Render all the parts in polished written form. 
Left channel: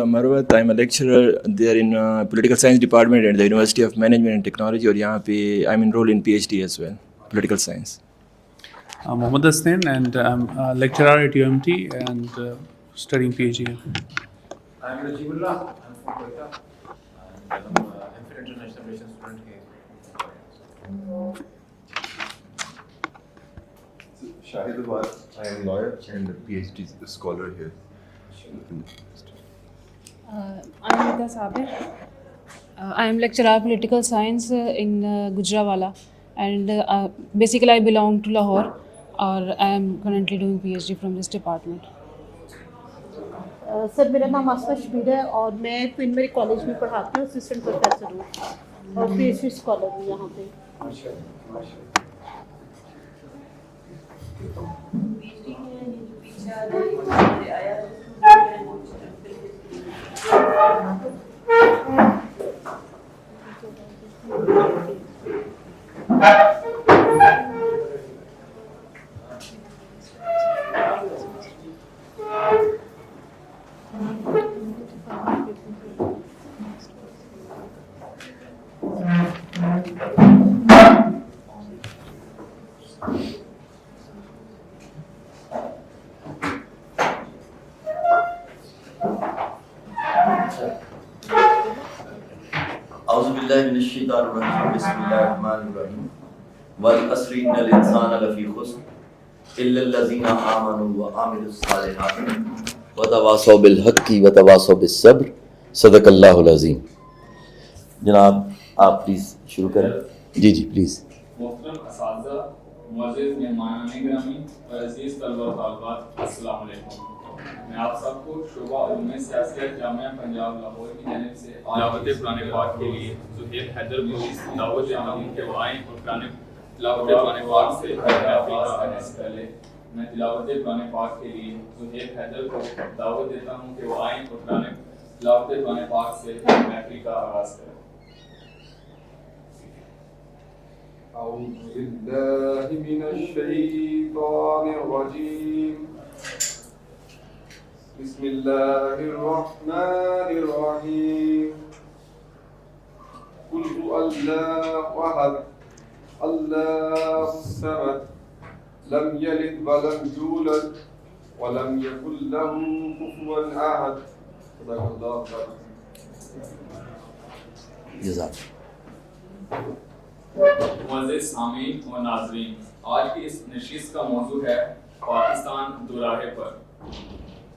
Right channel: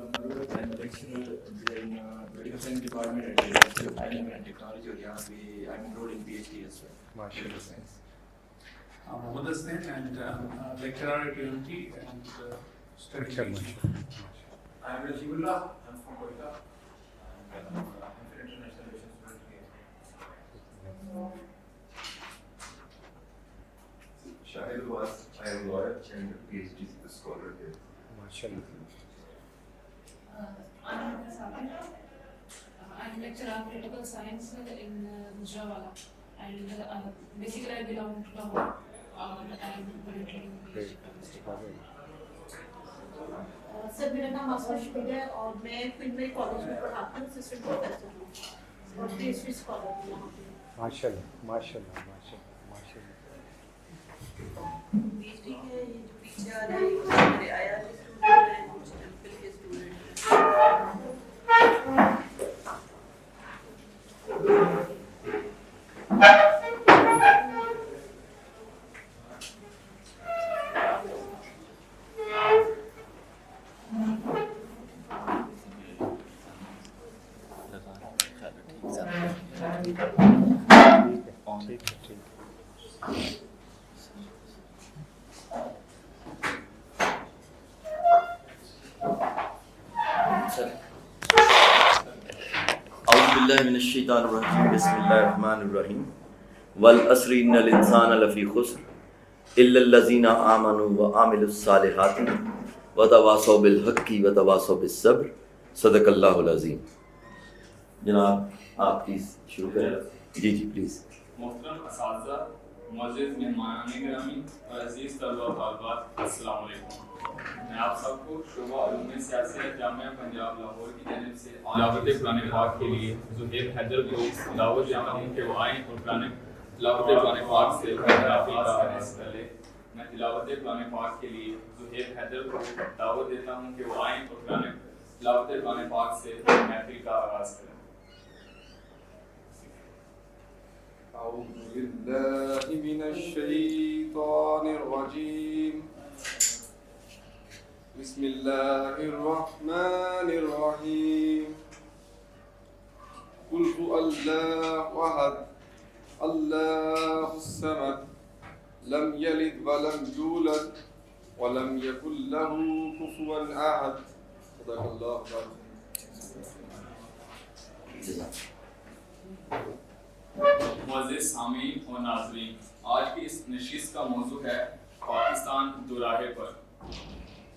Abdullah Marwat. I'm a lecturer there in Political Science Department at the University of Management and Technology, اور یہاں پہ I'm enrolled in PhD as well, Political Science. I'm Mohammad Hasnain and I'm a lecturer at UMT and studying PhD. I'm Rajibullah. I'm from Kolkata. I'm international relations student here. Shahid Awad. I am a lawyer and a PhD scholar here. I'm Nita Sabir. I am lecturer of political science in Gujranwala, and basically I belong to Lahore, or I am currently doing PhD from this department. سر میرا نام آسفا شبیر ہے اور میں queen میری college میں پڑھاتی ہوں, assistant professor ہوں اور پی ایچ ڈی اسکالر ہوں یہاں پہ. من الشیطان الرجیم بسم اللہ الرحمن الرحیم والعصر ان الانسان لفی خسر الا الذین آمنوا وعملوا الصالحات وتواصوا بالحق وتواصوا بالصبر صدق اللہ العظیم. جناب آپ پلیز شروع کریں. جی پلیز. محترم اساتذہ, معزز مہمانان گرامی اور عزیز طلباء و طالبات, السلام علیکم. میں آپ سب کو شعبہ علوم سیاست جامعہ پنجاب لاہور کی جانب سے تلاوت قرآن پاک کے لیے زہیب حیدر کو دعوت دیتا ہوں کہ وہ آئیں اور تلاوت قرآن پاک سے محفل کا آغاز کریں. میں تلاوت قرآن پاک کے لیے زہیب حیدر کو دعوت دیتا ہوں کہ وہ آئیں اور تلاوت قرآن پاک سے محفل کا آغاز کریں. أعوذ بالله من الشيطان الرجيم. بسم الله الرحمن الرحيم. قل هو الله أحد الله الصمد لم يلد ولم يولد ولم يكن له كفوا أحد. صدق الله العظيم. جزاک. معزز سامعین و ناظرین, آج کی اس نشست کا موضوع ہے پاکستان دوراہے پر,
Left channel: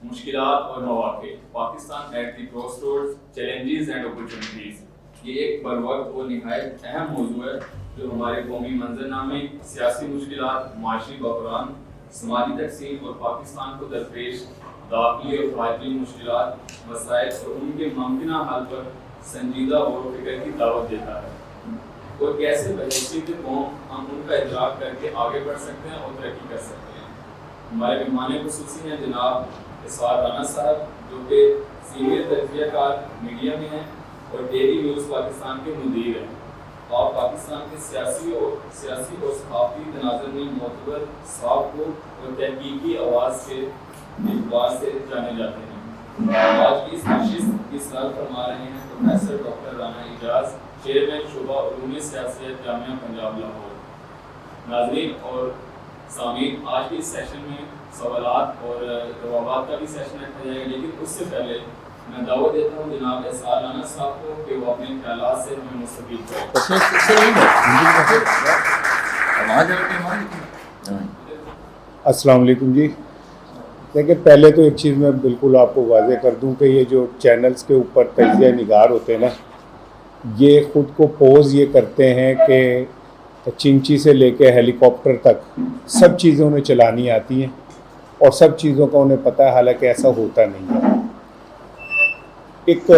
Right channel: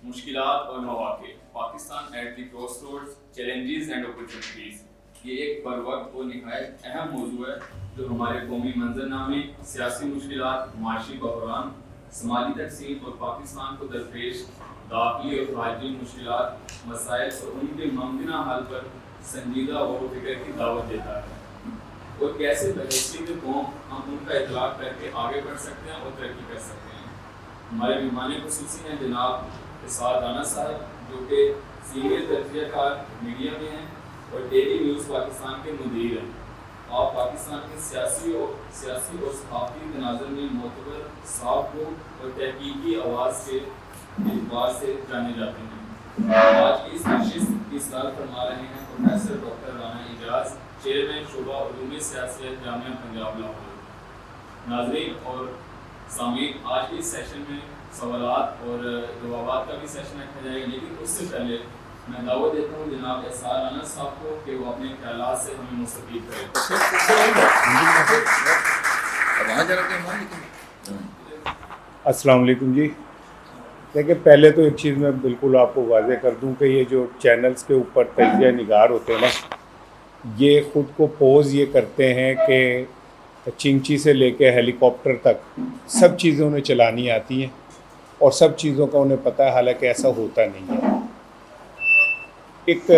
مشکلات اور مواقع. Pakistan at the cross roads, challenges and opportunities. یہ ایک بروقت اور نہایت اہم موضوع ہے جو ہمارے قومی منظرنامے, سیاسی مشکلات, معاشی بحران, سماجی تقسیم اور پاکستان کو درپیش داخلی اور خارجی مشکلات, مسائل اور ان کے ممکنہ حل پر سنجیدہ غور و فکر کی دعوت دیتا ہے. اور کیسے بحیثیت قوم ہم ان کا ادراک کر کے آگے بڑھ سکتے ہیں اور ترقی کر سکتے ہیں. ہمارے مہمان خصوصی ہیں جناب اسعاد رانا صاحب, جو کہ سینئر تجزیہ کار میڈیا میں ہیں اور ڈیلی نیوز پاکستان کے مدیر ہیں. آپ پاکستان کے سیاسی اور صحافتی تناظر میں معتبر, صاف گو اور تحقیقی آواز کے اعتبار سے جانے جاتے ہیں. آج کی اس نشست کی صدارت فرما رہے ہیں پروفیسر ڈاکٹر رانا اعجاز, چیئرمین شعبہ علوم سیاست جامعہ پنجاب لاہور. ناظرین اور سامعین, آج کے اس سیشن میں سوالات اور جوابات کا بھی سیشن رکھا جائے گا, لیکن اس سے پہلے میں دعوت دیتا ہوں جناب اسعاد رانا صاحب کو کہ وہ اپنے خیالات سے ہمیں مستفید کریں. السلام علیکم جی. دیکھیں, پہلے تو ایک چیز میں بالکل آپ کو واضح کر دوں کہ یہ جو چینلز کے اوپر تجزیہ نگار ہوتے ہیں نا, یہ خود کو پوز یہ کرتے ہیں کہ چنچی سے لے کے ہیلی کاپٹر تک سب چیزیں انہیں چلانی آتی ہیں اور سب چیزوں کا انہیں پتہ ہے, حالانکہ ایسا ہوتا نہیں ہے. ایک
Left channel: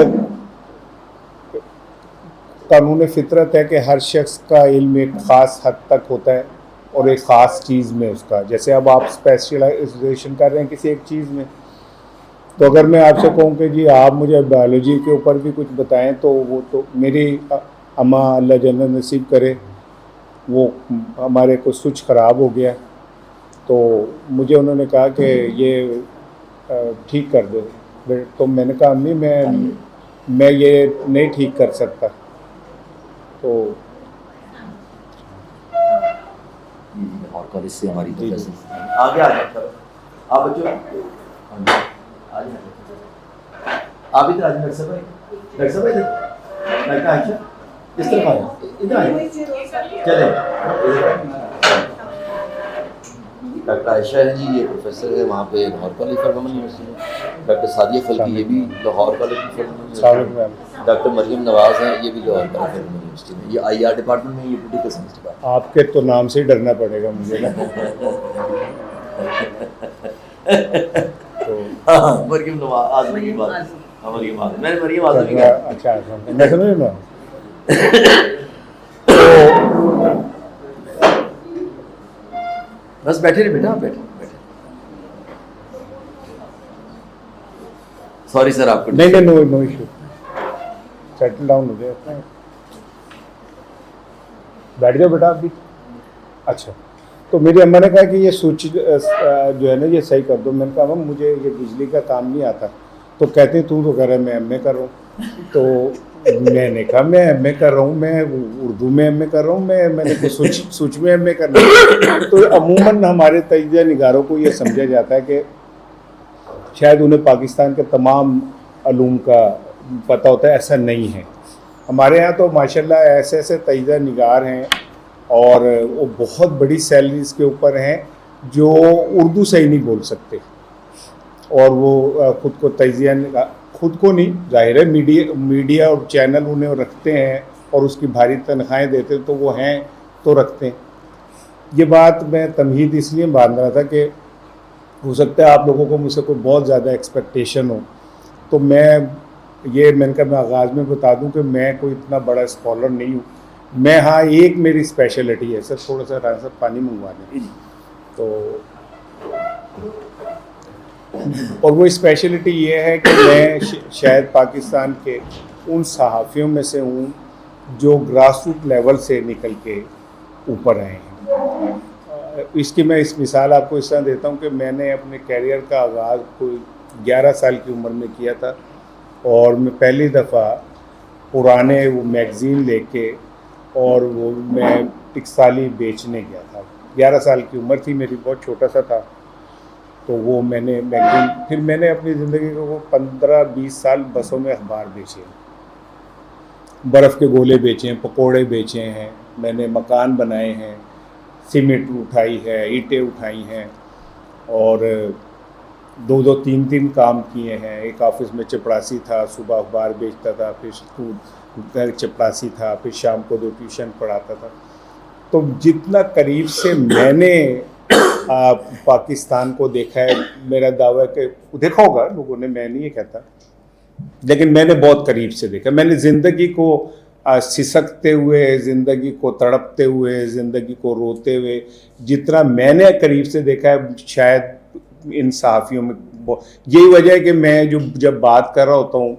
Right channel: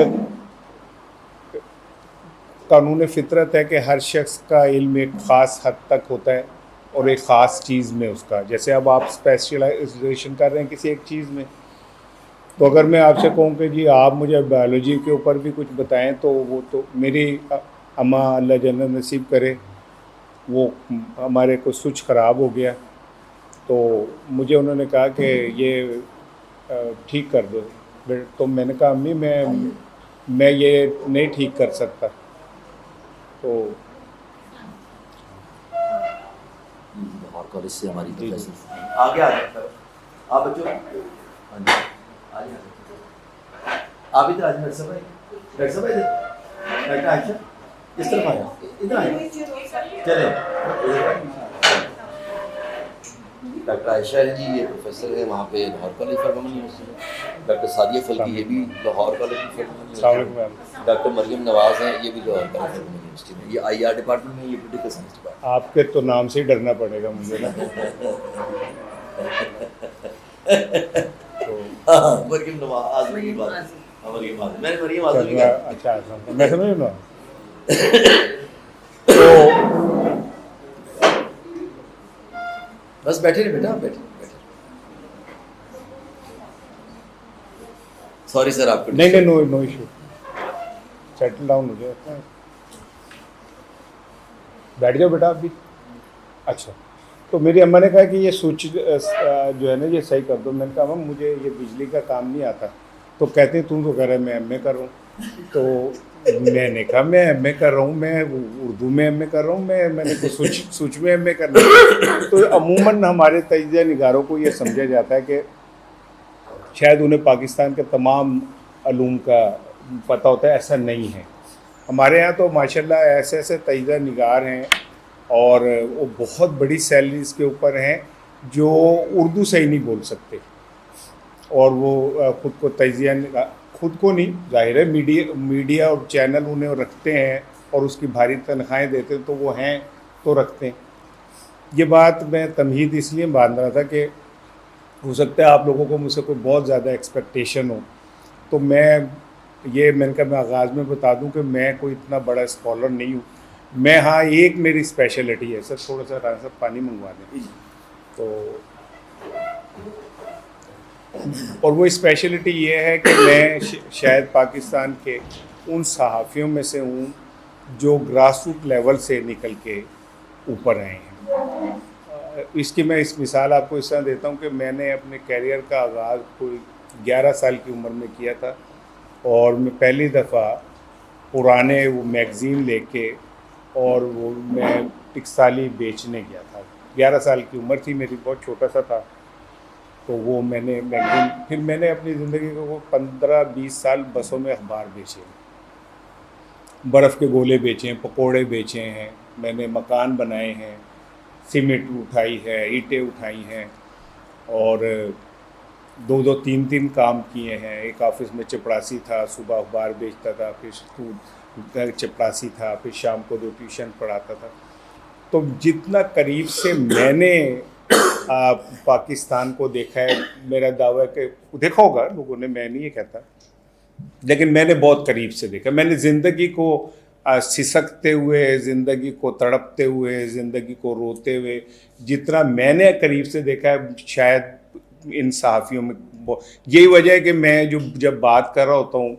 قانون فطرت ہے کہ ہر شخص کا علم ایک خاص حد تک ہوتا ہے اور ایک خاص چیز میں اس کا, جیسے اب آپ اسپیشلائزیشن کر رہے ہیں کسی ایک چیز میں, تو اگر میں آپ سے کہوں کہ جی آپ مجھے بایولوجی کے اوپر بھی کچھ بتائیں, تو وہ تو میری اماں اللہ جنت نصیب کرے, وہ ہمارے کو سوئچ خراب ہو گیا, تو مجھے انہوں نے کہا کہ یہ ٹھیک کر دو. تو میں نے کہا امی میں یہ نہیں ٹھیک کر سکتا. تو لاہور کالج سے ہماری پروفیسر آگے آ جائیں. چلو آپ بچوں آ جائیں. آپ ادھر آ جائیں. ڈاکٹر صاحب ادھر. ڈاکٹر عائشہ اس طرف آئیں. ادھر آئیں. چلیں ڈاکٹر عائشہ ہے جی، یہ پروفیسر ہے وہاں پہ Lahore college for women university میں. ڈاکٹر سعدیہ فلکی یہ بھی Lahore college for women university میں. ڈاکٹر مریم نواز ہیں یہ بھی Lahore college for women university میں. یہ آئی آر ڈپارٹمنٹ میں، یہ پولیٹیکل سائنس ڈپارٹمنٹ. آپ کے تو نام سے ہی ڈرنا پڑے گا مجھے. ہاں مریم نواز آزمی کی بات. ہاں مریم آزمی، میں نے مریم آزمی کہا. اچھا میں سمجھ نا. بس بیٹھے رہے بیٹا، آپ بیٹھے. سوری سر آپ کو. نہیں نو ایشو. سیٹل ڈاؤن ہو جائے. بیٹھ جاؤ بیٹا آپ بھی. اچھا تو میری اماں نے کہا کہ یہ سوئچ جو ہے نا یہ صحیح کر دو. میں نے کہا مجھے یہ بجلی کا کام نہیں آتا. تو کہتے تو کہہ رہا ہے میں ایم اے کر رہا ہوں. تو میں نے کہا میں ایم اے کر رہا ہوں، میں اردو میں ایم اے کر رہا ہوں، میں نے سوچ میں ایم اے کر رہا ہوں. تو عموماً ہمارے تجزیہ نگاروں کو یہ سمجھا جاتا ہے کہ شاید انہیں پاکستان کے تمام علوم کا پتہ ہوتا ہے. ایسا نہیں ہے. ہمارے یہاں تو ماشاءاللہ ایسے ایسے تجزیہ نگار ہیں اور وہ بہت بڑی سیلریز کے اوپر ہیں جو اردو صحیح نہیں بول سکتے، اور وہ خود کو تجزیہ خود کو نہیں، ظاہر ہے میڈیا اور چینل انہیں رکھتے ہیں اور اس کی بھاری تنخواہیں دیتے تو وہ ہیں تو رکھتے ہیں. یہ بات میں تمہید اس لیے باندھ رہا تھا کہ ہو سکتا ہے آپ لوگوں کو مجھ سے کوئی بہت زیادہ ایکسپیکٹیشن ہو. تو میں نے کہا میں آغاز میں بتا دوں کہ میں کوئی اتنا بڑا اسکالر نہیں ہوں. میں ہاں ایک میری اسپیشلٹی ہے سر، تھوڑا سا راجا صاحب پانی منگوا لیں. تو اور وہ اسپیشلٹی یہ ہے کہ میں شاید پاکستان کے ان صحافیوں میں سے ہوں جو گراس روٹ لیول سے نکل کے اوپر آئے ہیں. اس کی میں اس مثال آپ کو اس طرح دیتا ہوں کہ میں نے اپنے کیریئر کا آغاز کوئی 11 سال کی عمر میں کیا تھا، اور میں پہلی دفعہ پرانے وہ میگزین لے کے اور وہ میں ٹکسالی بیچنے گیا تھا. 11 سال کی عمر تھی میری، بہت چھوٹا سا تھا. تو وہ میں نے میگزین، پھر میں نے اپنی زندگی کو وہ 15-20 سال بسوں میں اخبار بیچے، برف کے گولے بیچے ہیں، پکوڑے بیچے ہیں، میں نے مکان بنائے ہیں، سیمنٹ اٹھائی ہے، اینٹیں اٹھائی ہیں، اور 2-3 کام کیے ہیں. ایک آفس میں چپڑاسی تھا، صبح اخبار بیچتا تھا، پھر چپڑاسی تھا، پھر شام کو 2 ٹیوشن پڑھاتا تھا. تو جتنا قریب سے میں نے پاکستان کو دیکھا ہے، میرا دعویٰ کہ دیکھا ہوگا لوگوں نے، میں نہیں یہ کہتا، لیکن میں نے بہت قریب سے دیکھا. میں نے زندگی کو سسکتے ہوئے، زندگی کو تڑپتے ہوئے، زندگی کو روتے ہوئے جتنا میں نے قریب سے دیکھا ہے شاید ان صحافیوں میں. یہی وجہ ہے کہ میں جب بات کر رہا ہوتا ہوں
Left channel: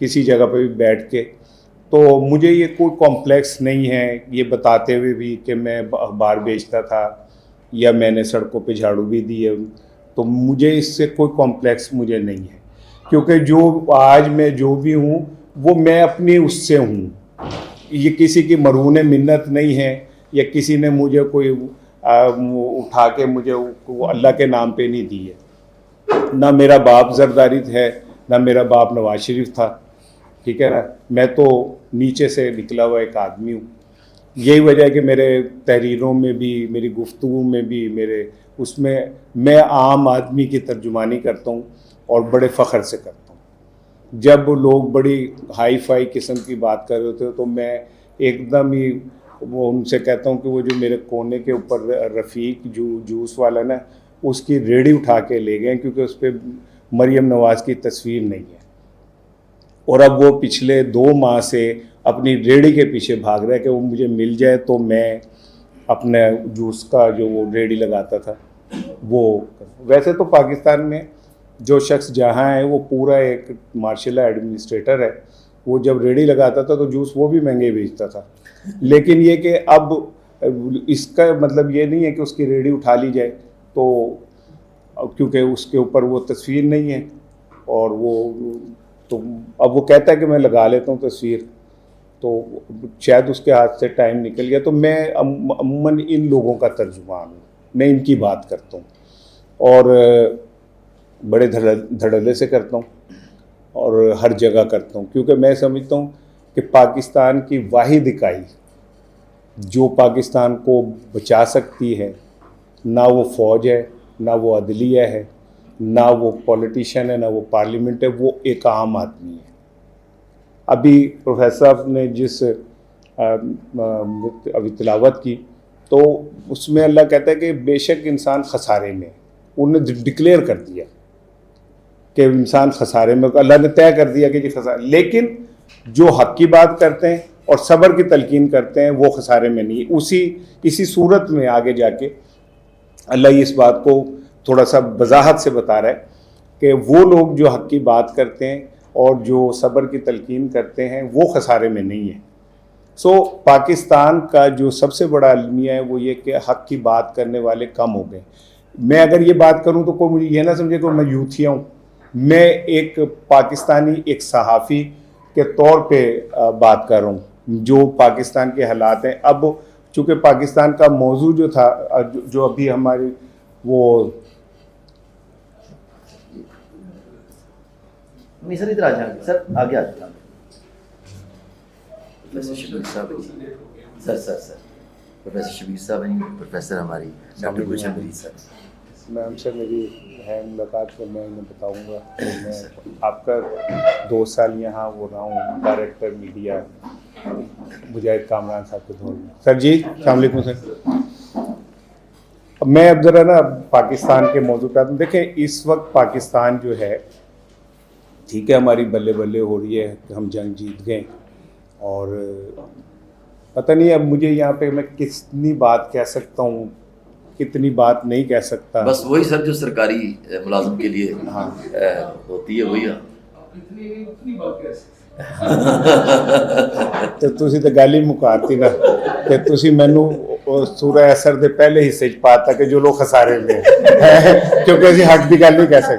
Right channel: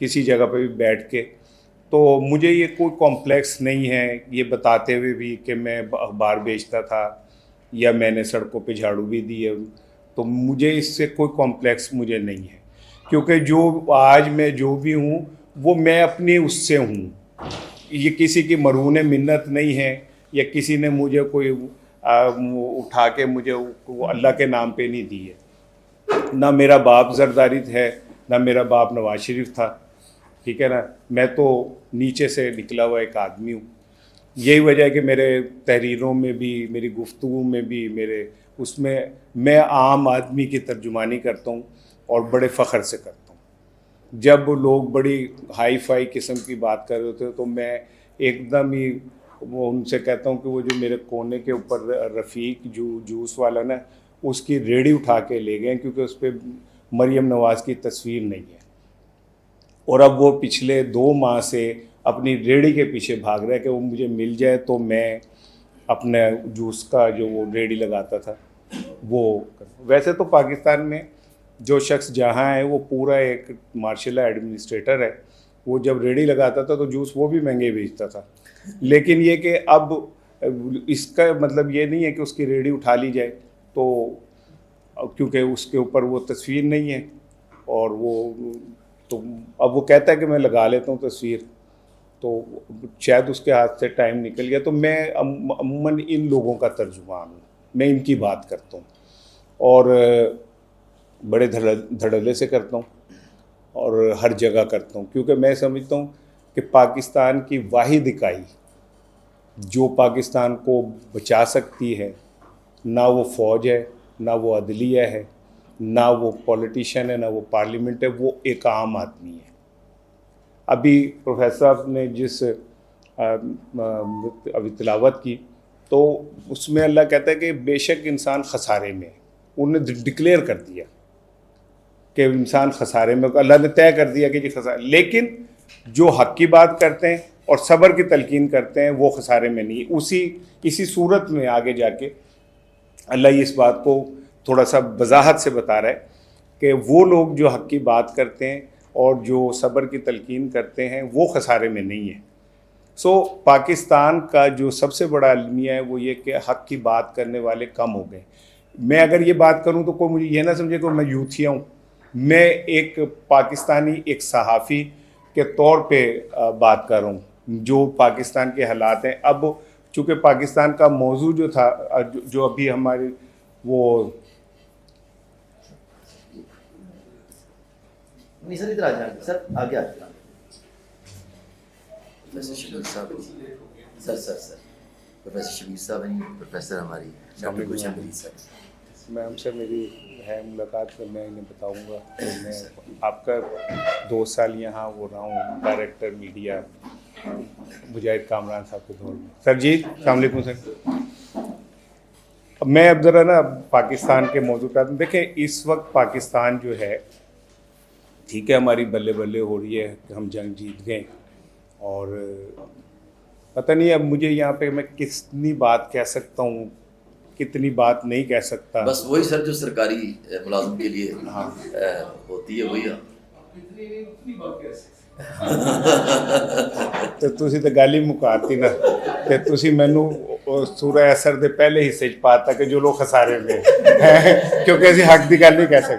کسی جگہ پہ بھی بیٹھ کے، تو مجھے یہ کوئی کمپلیکس نہیں ہے یہ بتاتے ہوئے بھی کہ میں اخبار بیچتا تھا یا میں نے سڑکوں پہ جھاڑو بھی دی ہے. تو مجھے اس سے کوئی کمپلیکس مجھے نہیں ہے، کیونکہ جو آج میں جو بھی ہوں وہ میں اپنی اس سے ہوں. یہ کسی کی مرہون منت نہیں ہے، یا کسی نے مجھے کوئی اٹھا کے مجھے اللہ کے نام پہ نہیں دی ہے. نہ میرا باپ زرداری ہے، نہ میرا باپ نواز شریف تھا. ٹھیک ہے نا، میں تو نیچے سے نکلا ہوا ایک آدمی ہوں. یہی وجہ ہے کہ میرے تحریروں میں بھی، میری گفتگو میں بھی، میرے اس میں عام آدمی کی ترجمانی کرتا ہوں اور بڑے فخر سے کرتا ہوں. جب لوگ بڑی ہائی فائی قسم کی بات کر رہے ہوتے ہیں تو میں ایک دم ہی وہ ان سے کہتا ہوں کہ وہ جو میرے کونے کے اوپر رفیق جوس والا نا، اس کی ریڑھی اٹھا کے لے گئے کیونکہ اس پہ مریم نواز کی تصویر نہیں ہے، اور اب وہ پچھلے 2 ماہ سے اپنی ریڑھی کے پیچھے بھاگ رہا ہے کہ وہ مجھے مل جائے تو میں اپنے جوس کا جو وہ ریڑھی لگاتا تھا وہ. ویسے تو پاکستان میں جو شخص جہاں ہے وہ پورا ایک مارشل ایڈمنسٹریٹر ہے. وہ جب ریڑھی لگاتا تھا تو جوس وہ بھی مہنگے بیچتا تھا. لیکن یہ کہ اب اس کا مطلب یہ نہیں ہے کہ اس کی ریڑھی اٹھا لی جائے، تو کیونکہ اس کے اوپر وہ تصویر نہیں ہے اور وہ تو اب وہ کہتا ہے کہ میں لگا لیتا ہوں تصویر، تو شاید اس کے ہاتھ سے ٹائم نکل گیا. تو میں عموماً ان لوگوں کا ترجمان ہوں، میں ان کی بات کرتا ہوں اور بڑے دھڑلے سے کرتا ہوں اور ہر جگہ کرتا ہوں، کیونکہ میں سمجھتا ہوں کہ پاکستان کی واحد اکائی جو پاکستان کو بچا سکتی ہے، نہ وہ فوج ہے، نہ وہ عدلیہ ہے، نہ وہ پولیٹیشین ہے، نہ وہ پارلیمنٹ ہے، وہ ایک عام آدمی ہے. ابھی پروفیسر صاحب نے جس ابھی تلاوت کی تو اس میں اللہ کہتا ہے کہ بے شک انسان خسارے میں ہے. انہوں نے ڈکلیئر کر دیا کہ انسان خسارے میں، اللہ نے طے کر دیا کہ یہ خسارے، لیکن جو حق کی بات کرتے ہیں اور صبر کی تلقین کرتے ہیں وہ خسارے میں نہیں. اسی صورت میں آگے جا کے اللہ اس بات کو تھوڑا سا وضاحت سے بتا رہا ہے کہ وہ لوگ جو حق کی بات کرتے ہیں اور جو صبر کی تلقین کرتے ہیں وہ خسارے میں نہیں ہیں. سو پاکستان کا جو سب سے بڑا المیہ ہے وہ یہ کہ حق کی بات کرنے والے کم ہو گئے. میں اگر یہ بات کروں تو کوئی مجھے یہ نہ سمجھے کہ میں یوتھیا ہوں. میں ایک پاکستانی، ایک صحافی کے طور پہ بات کر رہا ہوں جو پاکستان کے حالات ہیں. اب چونکہ پاکستان کا موضوع جو تھا، جو ابھی ہماری وہ سر ادھر آ جائیں گے سر، آگے آ جائیں. پروفیسر شبیر صاحب، سر پروفیسر شبیر صاحب ہیں، پروفیسر ہماری ڈاکٹر گلشن مریض صاحب. میں ہم سے میری ہے ملاقات کو میں انہیں بتاؤں گا. میں آپ کا 2 سال یہاں وہ رہا ہوں ڈائریکٹر میڈیا مجاہد کامران صاحب کو بول رہا ہوں. سر جی السلام علیکم سر. اب میں اب ذرا نا پاکستان کے موضوع کا دیکھیں. اس وقت پاکستان جو ہے ٹھیک ہے ہماری بلے بلے ہو رہی ہے کہ ہم جنگ جیت گئے، اور پتہ نہیں اب مجھے یہاں پہ میں کتنی بات کہہ سکتا ہوں کتنی بات نہیں کہہ سکتا. بس وہی سر جو سرکاری ملازم کے لیے ہوتی ہے وہی. ਤੇ ਤੁਸੀਂ ਤਾਂ ਗੱਲ ਹੀ ਮੁਕਾਤੀ ਨਾ ਤੇ ਤੁਸੀਂ ਮੈਨੂੰ ਸੂਰਾ ਅਸਰ ਦੇ ਪਹਿਲੇ ਹਿੱਸੇ 'ਚ ਪਾਤਾ ਕਿ ਜੋ ਲੋਕ ਖਸਾਰੇ ਹੋਏ ਕਿਉਂਕਿ ਅਸੀਂ ਹੱਕ ਦੀ ਗੱਲ ਨਹੀਂ ਕਹਿ ਸਕਦੇ.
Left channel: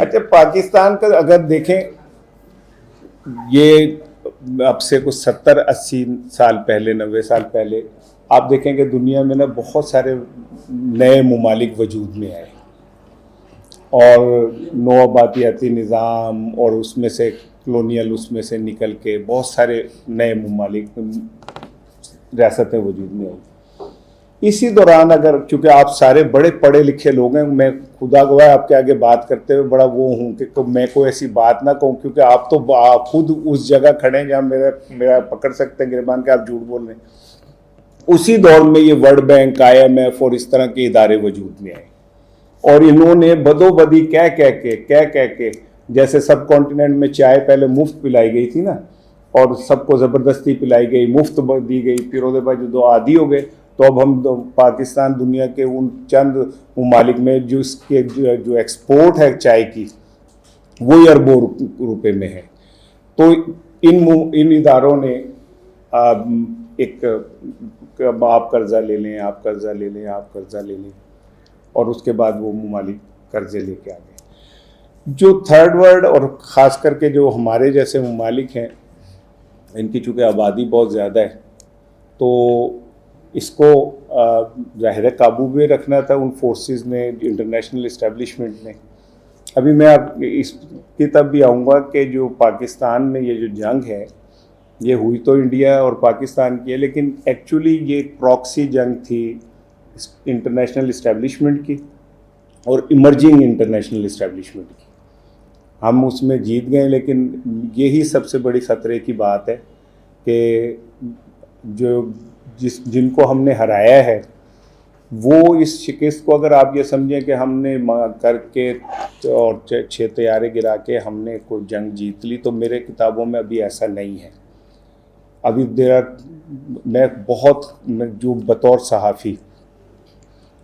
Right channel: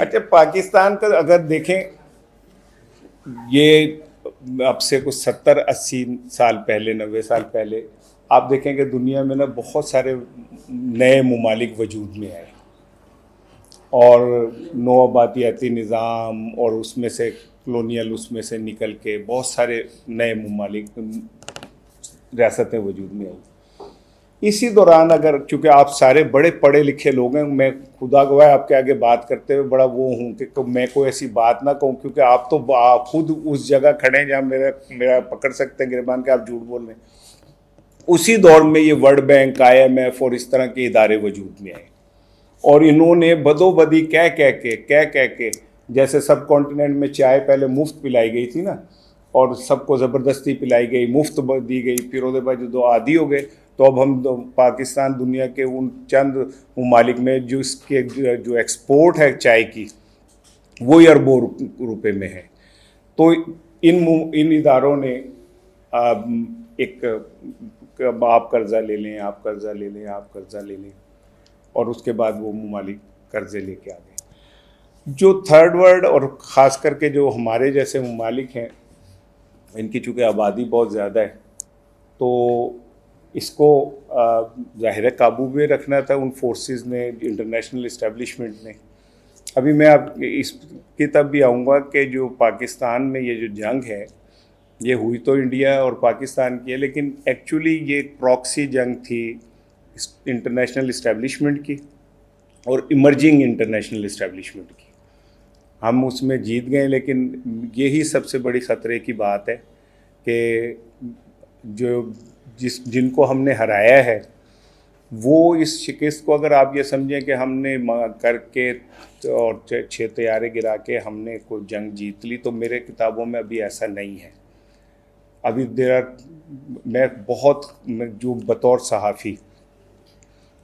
اچھا پاکستان کو اگر دیکھیں یہ اب سے کچھ 70-80 سال پہلے 90 سال پہلے آپ دیکھیں کہ دنیا میں نا بہت سارے نئے ممالک وجود میں آئے اور نوآبادیاتی نظام اور اس میں سے کلونیل اس میں سے نکل کے بہت سارے نئے ممالک ریاستیں وجود میں ہوں. اسی دوران اگر چونکہ آپ سارے بڑے پڑھے لکھے لوگ ہیں، میں خدا گواہ آپ کے آگے بات کرتے ہوئے بڑا وہ ہوں کہ میں کوئی ایسی بات نہ کہوں کیونکہ آپ تو خود اس جگہ کھڑے ہیں جہاں میرا پکڑ سکتے ہیں گربان کے آپ جھوٹ بول رہے ہیں. اسی دور میں یہ ورلڈ بینک، IMF اور اس طرح کے ادارے وجود میں آئے اور انہوں نے بدو بدی کہہ کے جیسے سب کانٹیننٹ میں چائے پہلے مفت پلائی گئی تھی نا اور سب کو زبردستی پلائی گئی، مفت دی گئی، پھر اس کے بعد جو عادی ہو گئے تو اب ہم پاکستان دنیا کے ان چند ممالک میں جس کے جو ایکسپورٹ ہے چائے کی وہی اربوں روپے میں ہے. تو ان اداروں نے ایک آپ قرضہ لے لیں، آپ قرضہ لے لیں، آپ قرضہ لے لیں، اور اس کے بعد وہ ممالک قرضے لے کے آ گئے. جو تھرڈ ورلڈ اور خاص کر کے جو ہمارے جیسے ممالک ہیں ان کی چونکہ آبادی بہت زیادہ ہے تو اس کو ظاہر قابو میں رکھنا تھا ان فورسز نے، انٹرنیشنل اسٹیبلشمنٹ نے. ابھی میں آپ اس کی طرف بھی آؤں گا کہ جو پاکستان میں یہ جو جنگ ہے یہ ہوئی تو انڈیا اور پاکستان کی ہے، لیکن ایکچولی یہ پراکسی جنگ تھی انٹرنیشنل اسٹیبلشمنٹ کی اور ایمرجنگ انٹرنیشنل اسٹیبلشمنٹ کی. ہم اس میں جیت گئے، لیکن یہی سب سے بڑی خطرے کی بات ہے کہ جن کو ہم نے ہرایا ہے وہ اس شکست کو اگر آپ یہ سمجھیں کہ ہم نے کر کے اور 6 طیارے گرا کے ہم نے کوئی جنگ جیت لی، تو میرے کتابوں میں ابھی ایسا نہیں ہے. ابھی میں جو بطور صحافی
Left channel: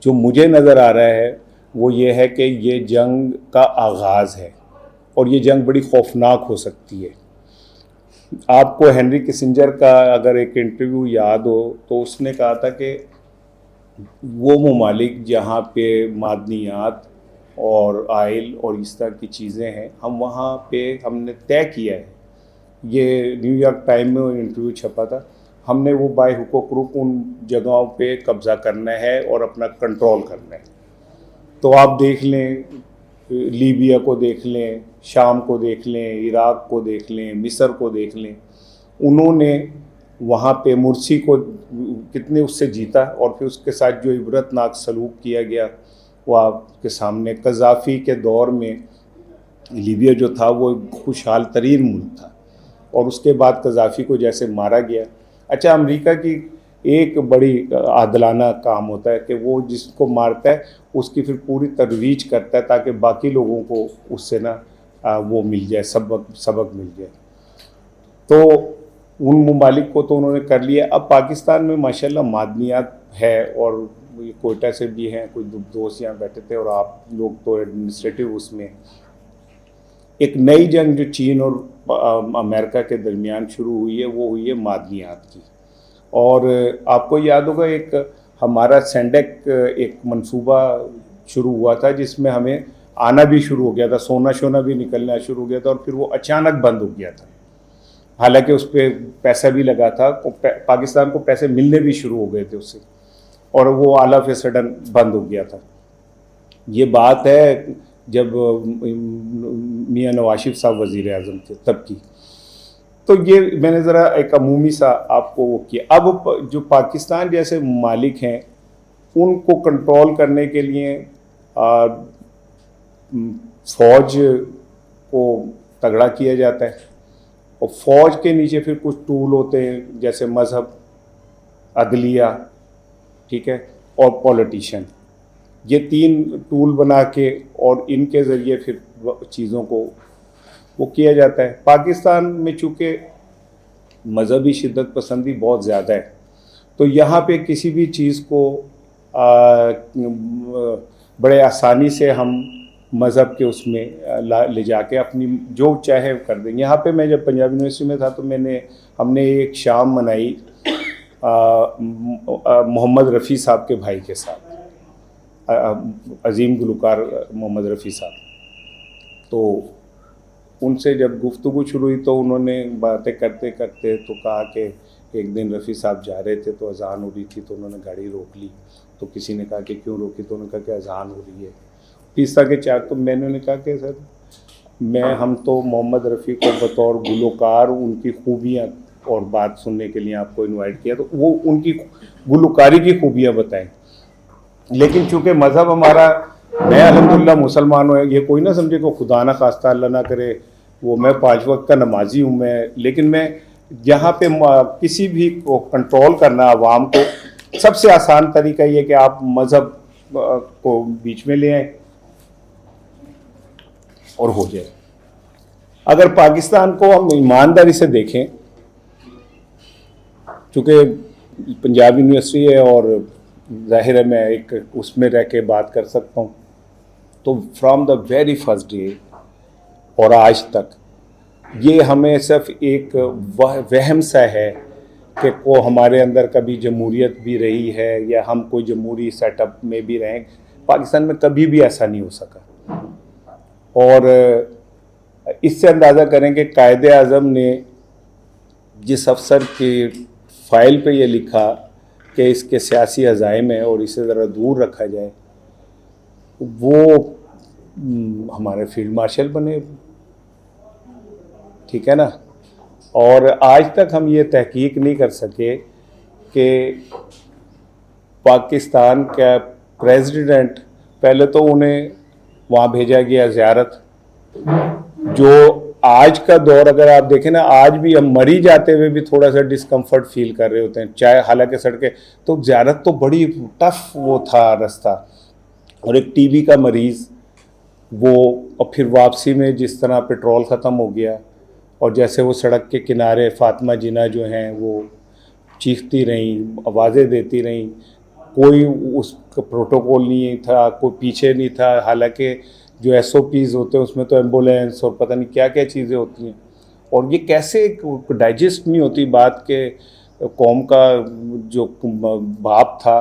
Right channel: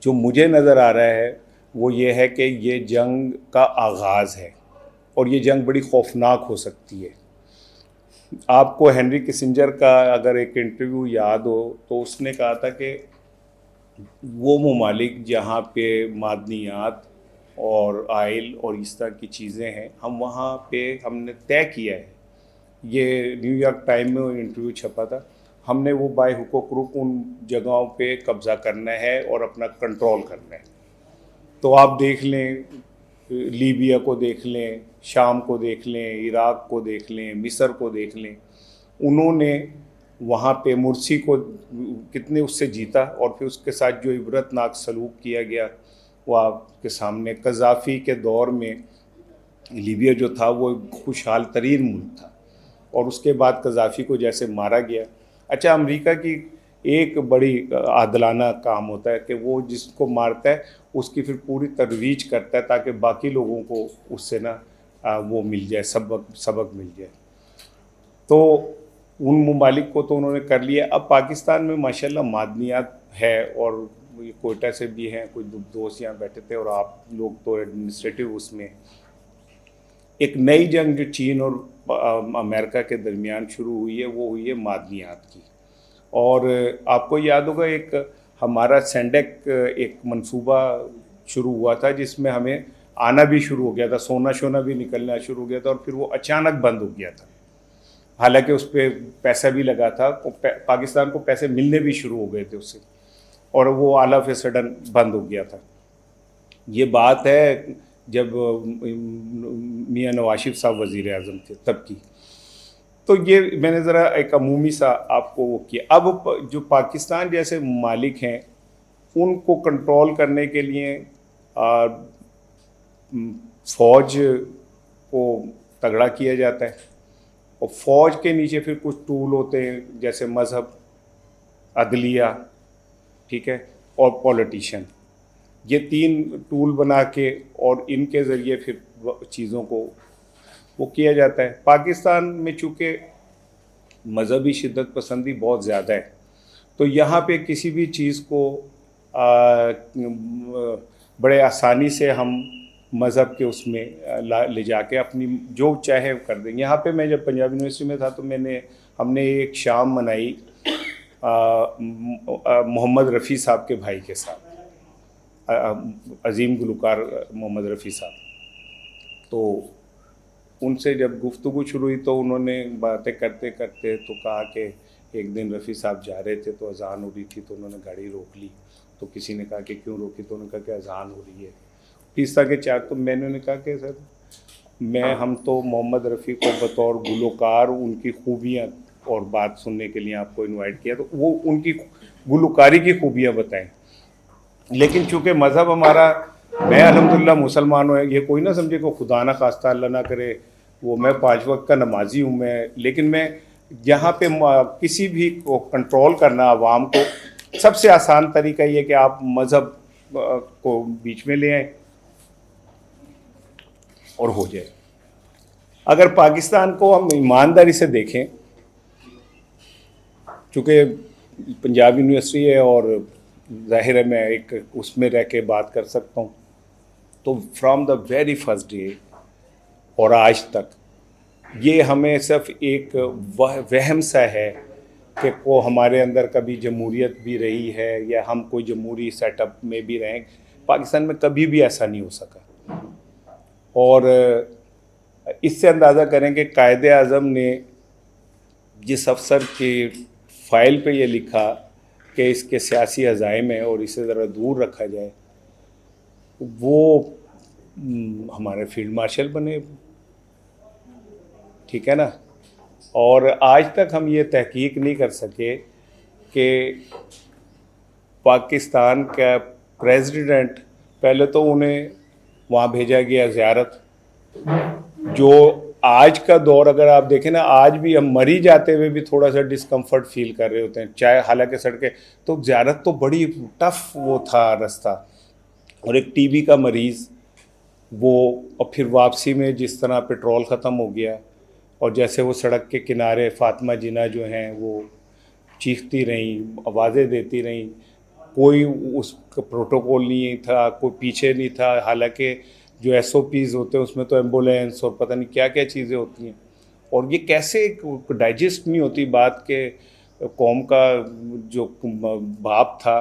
جو مجھے نظر آ رہا ہے وہ یہ ہے کہ یہ جنگ کا آغاز ہے اور یہ جنگ بڑی خوفناک ہو سکتی ہے. آپ کو ہنری کسنجر کا اگر ایک انٹرویو یاد ہو تو اس نے کہا تھا کہ وہ ممالک جہاں پہ معدنیات اور آئل اور اس طرح کی چیزیں ہیں، ہم وہاں پہ ہم نے طے کیا ہے، یہ نیو یارک ٹائم میں انٹرویو چھپا تھا، ہم نے وہ بائی حقوق روح ان جگہوں پہ قبضہ کرنا ہے اور اپنا کنٹرول کرنا ہے. تو آپ دیکھ لیں لیبیا کو دیکھ لیں، شام کو دیکھ لیں، عراق کو دیکھ لیں، مصر کو دیکھ لیں، انہوں نے وہاں پہ مرسی کو کتنے اس سے جیتا اور پھر اس کے ساتھ جو عبرت ناک سلوک کیا گیا وہ آپ کے سامنے. قذافی کے دور میں لیبیا جو تھا وہ خوشحال ترین ملک تھا اور اس کے بعد قذافی کو جیسے مارا گیا. اچھا امریکہ کی ایک بڑی عادلانہ کام ہوتا ہے کہ وہ جس کو مارتا ہے اس کی پھر پوری ترویج کرتا ہے تاکہ باقی لوگوں کو اس سے نا وہ مل جائے، سبق مل جائے. تو ان ممالک کو تو انہوں نے کر لیا. اب پاکستان میں ماشاءاللہ معدنیات ہے اور یہ کوئٹہ سے بھی ہیں، کوئی دوست یہاں بیٹھے تھے اور آپ لوگ تو ایڈمنسٹریٹو اس میں. ایک نئی جنگ جو چین اور امریکہ کے درمیان شروع ہوئی ہے وہ ہوئی ہے معدنیات کی. اور آپ کو یاد ہوگا ایک ہمارا سینڈیک ایک منصوبہ شروع ہوا تھا جس میں ہمیں آنا بھی شروع ہو گیا تھا، سونا شونا بھی نکلنا شروع ہو گیا تھا اور پھر وہ اچانک بند ہو گیا تھا. حالانکہ اس پہ پیسہ بھی لگا تھا، پاکستان کو پیسے ملنے بھی شروع ہو گئے تھے اس سے، اور وہ آل آف اے سڈن بند ہو گیا تھا. یہ بات ہے جب میاں نواز شریف صاحب وزیر اعظم تھے تب کی. تو یہ میں نے ذرا ایک عمومی سا آپ کو وہ کیا. اب جو پاکستان جیسے ممالک ہیں ان کو کنٹرول کرنے کے لیے فوج کو تگڑا کیا جاتا ہے اور فوج کے نیچے پھر کچھ ٹول ہوتے ہیں جیسے مذہب، عدلیہ، ٹھیک ہے، اور پولیٹیشین. یہ تین ٹول بنا کے اور ان کے ذریعے پھر چیزوں کو وہ کیا جاتا ہے. پاکستان میں چونکہ مذہبی شدت پسندی بہت زیادہ ہے تو یہاں پہ کسی بھی چیز کو بڑے آسانی سے ہم مذہب کے اس میں لے جا کے اپنی جو چاہے کر دیں. یہاں پہ میں جب پنجاب یونیورسٹی میں تھا تو ہم نے ایک شام منائی محمد رفیع صاحب کے بھائی کے ساتھ، عظیم گلوکار محمد رفیع صاحب. تو ان سے جب گفتگو شروع ہوئی تو انہوں نے باتیں کرتے کرتے تو کہا کہ ایک دن رفیع صاحب جا رہے تھے تو اذان ہو رہی تھی تو انہوں نے گاڑی روک لی. تو کسی نے کہا کہ کیوں روکی؟ تو انہوں نے کہا کہ اذان ہو رہی ہے. تیسرا کے چار کو میں نے کہا کہ سر ہم تو محمد رفیع کو بطور گلوکار ان کی خوبیاں اور بات سننے کے لیے آپ کو انوائٹ کیا تو وہ ان کی گلوکاری کی خوبیاں بتائیں. لیکن چونکہ مذہب ہمارا، میں الحمدللہ مسلمان ہوں، یہ کوئی نہ سمجھے کہ خدا نہ خواستہ اللہ نہ کرے وہ میں 5 وقت کا نمازی ہوں لیکن میں یہاں پہ کسی بھی کو کنٹرول کرنا عوام کو سب سے آسان طریقہ یہ کہ آپ مذہب کو بیچ میں لے آئیں اور ہو جائے. اگر پاکستان کو ہم ایمانداری سے دیکھیں، چونکہ پنجاب یونیورسٹی ہے اور ظاہر ہے میں ایک اس میں رہ کے بات کر سکتا ہوں، تو from the very first day اور آج تک یہ ہمیں صرف ایک وہم سا ہے کہ وہ ہمارے اندر کبھی جمہوریت بھی رہی ہے یا ہم کوئی جمہوری سیٹ اپ میں بھی رہیں. پاکستان میں کبھی بھی ایسا نہیں ہو سکا. اور اس سے اندازہ کریں کہ قائد اعظم نے جس افسر کی فائل پہ یہ لکھا کہ اس کے سیاسی عزائم ہیں اور اسے ذرا دور رکھا جائے، وہ ہمارے فیلڈ مارشل بنے، ٹھیک ہے نا. اور آج تک ہم یہ تحقیق نہیں کر سکے کہ پاکستان کا پریزیڈنٹ، پہلے تو انہیں وہاں بھیجا گیا زیارت، جو آج کا دور اگر آپ دیکھیں نا، آج بھی ہم مری جاتے ہوئے بھی تھوڑا سا ڈسکمفرٹ فیل کر رہے ہوتے ہیں، چاہے حالانکہ سڑکیں تو زیارت تو بڑی ٹف وہ تھا رستہ. اور ایک ٹی بی کا مریض وہ، اور پھر واپسی میں جس طرح پیٹرول ختم ہو گیا اور جیسے وہ سڑک کے کنارے فاطمہ جناح جو ہیں وہ چیختی رہیں، آوازیں دیتی رہیں، کوئی اس کا پروٹوکول نہیں تھا، کوئی پیچھے نہیں تھا. حالانکہ جو ایس او پیز ہوتے ہیں اس میں تو ایمبولینس اور پتہ نہیں کیا کیا چیزیں ہوتی ہیں. اور یہ کیسے ڈائجسٹ نہیں ہوتی بات کہ قوم کا جو باپ تھا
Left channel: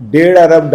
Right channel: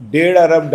$1.5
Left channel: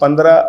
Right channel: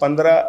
15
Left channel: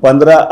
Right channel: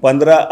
15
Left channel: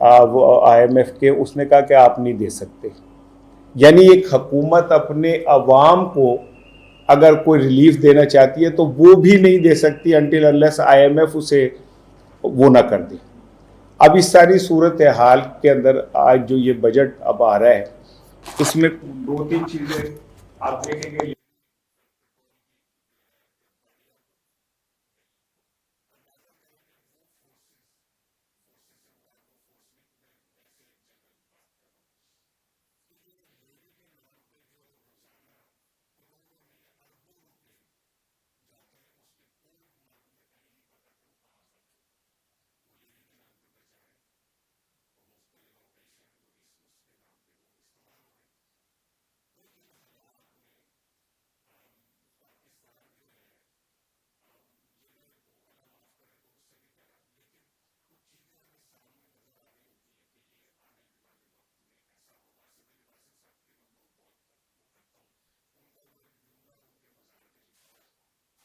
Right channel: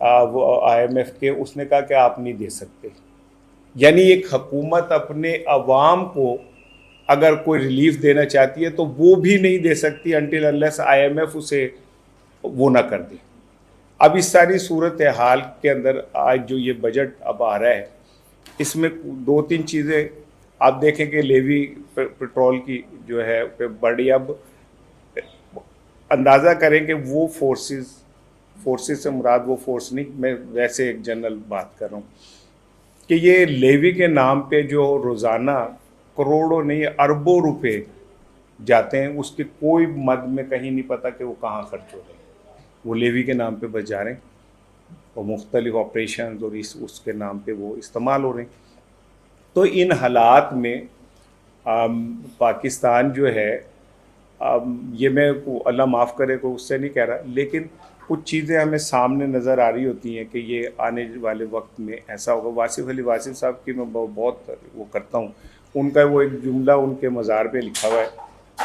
IMF کے, اس نے کہا کہ آپ نہیں دے سکتے. یعنی ایک حکومت اپنے عوام کو اگر کوئی ریلیف دینا چاہتی ہے تو وہ بھی نہیں دے سکتی انٹل انلیس IMF اسے وہ نہ کر دے. اب اس ساری صورتحال کے اندر آج جو یہ بجٹ اب آ رہا ہے اس میں 2-3 چیزیں آپ دیکھیں کہ لیوی پیٹرول کی جو ہے بڑی, اب اندازہ کریں کہ وہ فورسز سے مراد وہ فورس نہیں, میں ویسے ایک جنرل بات کر رہا ہوں کہ یہ لیوی کے نام پہ جو روزانہ کروڑوں نہیں اربوں روپے جاتے ہیں, اس کی کوئی مد میں کہیں نہیں پتہ کہ وہ کہاں خرچ ہو رہے ہیں. وہ لیوی کے نام پہ بچ جا رہے ہیں اور مختلف آپریشنز اور اس کے نام پہ وہ استعمال ہو رہے ہیں. تو ان حالات میں پاکستان جو ہے, یہ میں اللہ معاف کرے کو اس سے نہیں کہہ رہا, لیکن کچھ چیزیں ہمیں سامنے نظر آ رہی ہوتی ہیں کہ یہ آنے والے وقت میں ایسا ہوگا. واصف علی واصف صاحب کی میں بہت وہ کرتا ہوں, ان کا وہ ایک جملہ ان کے مزار پہ لکھا ہوا ہے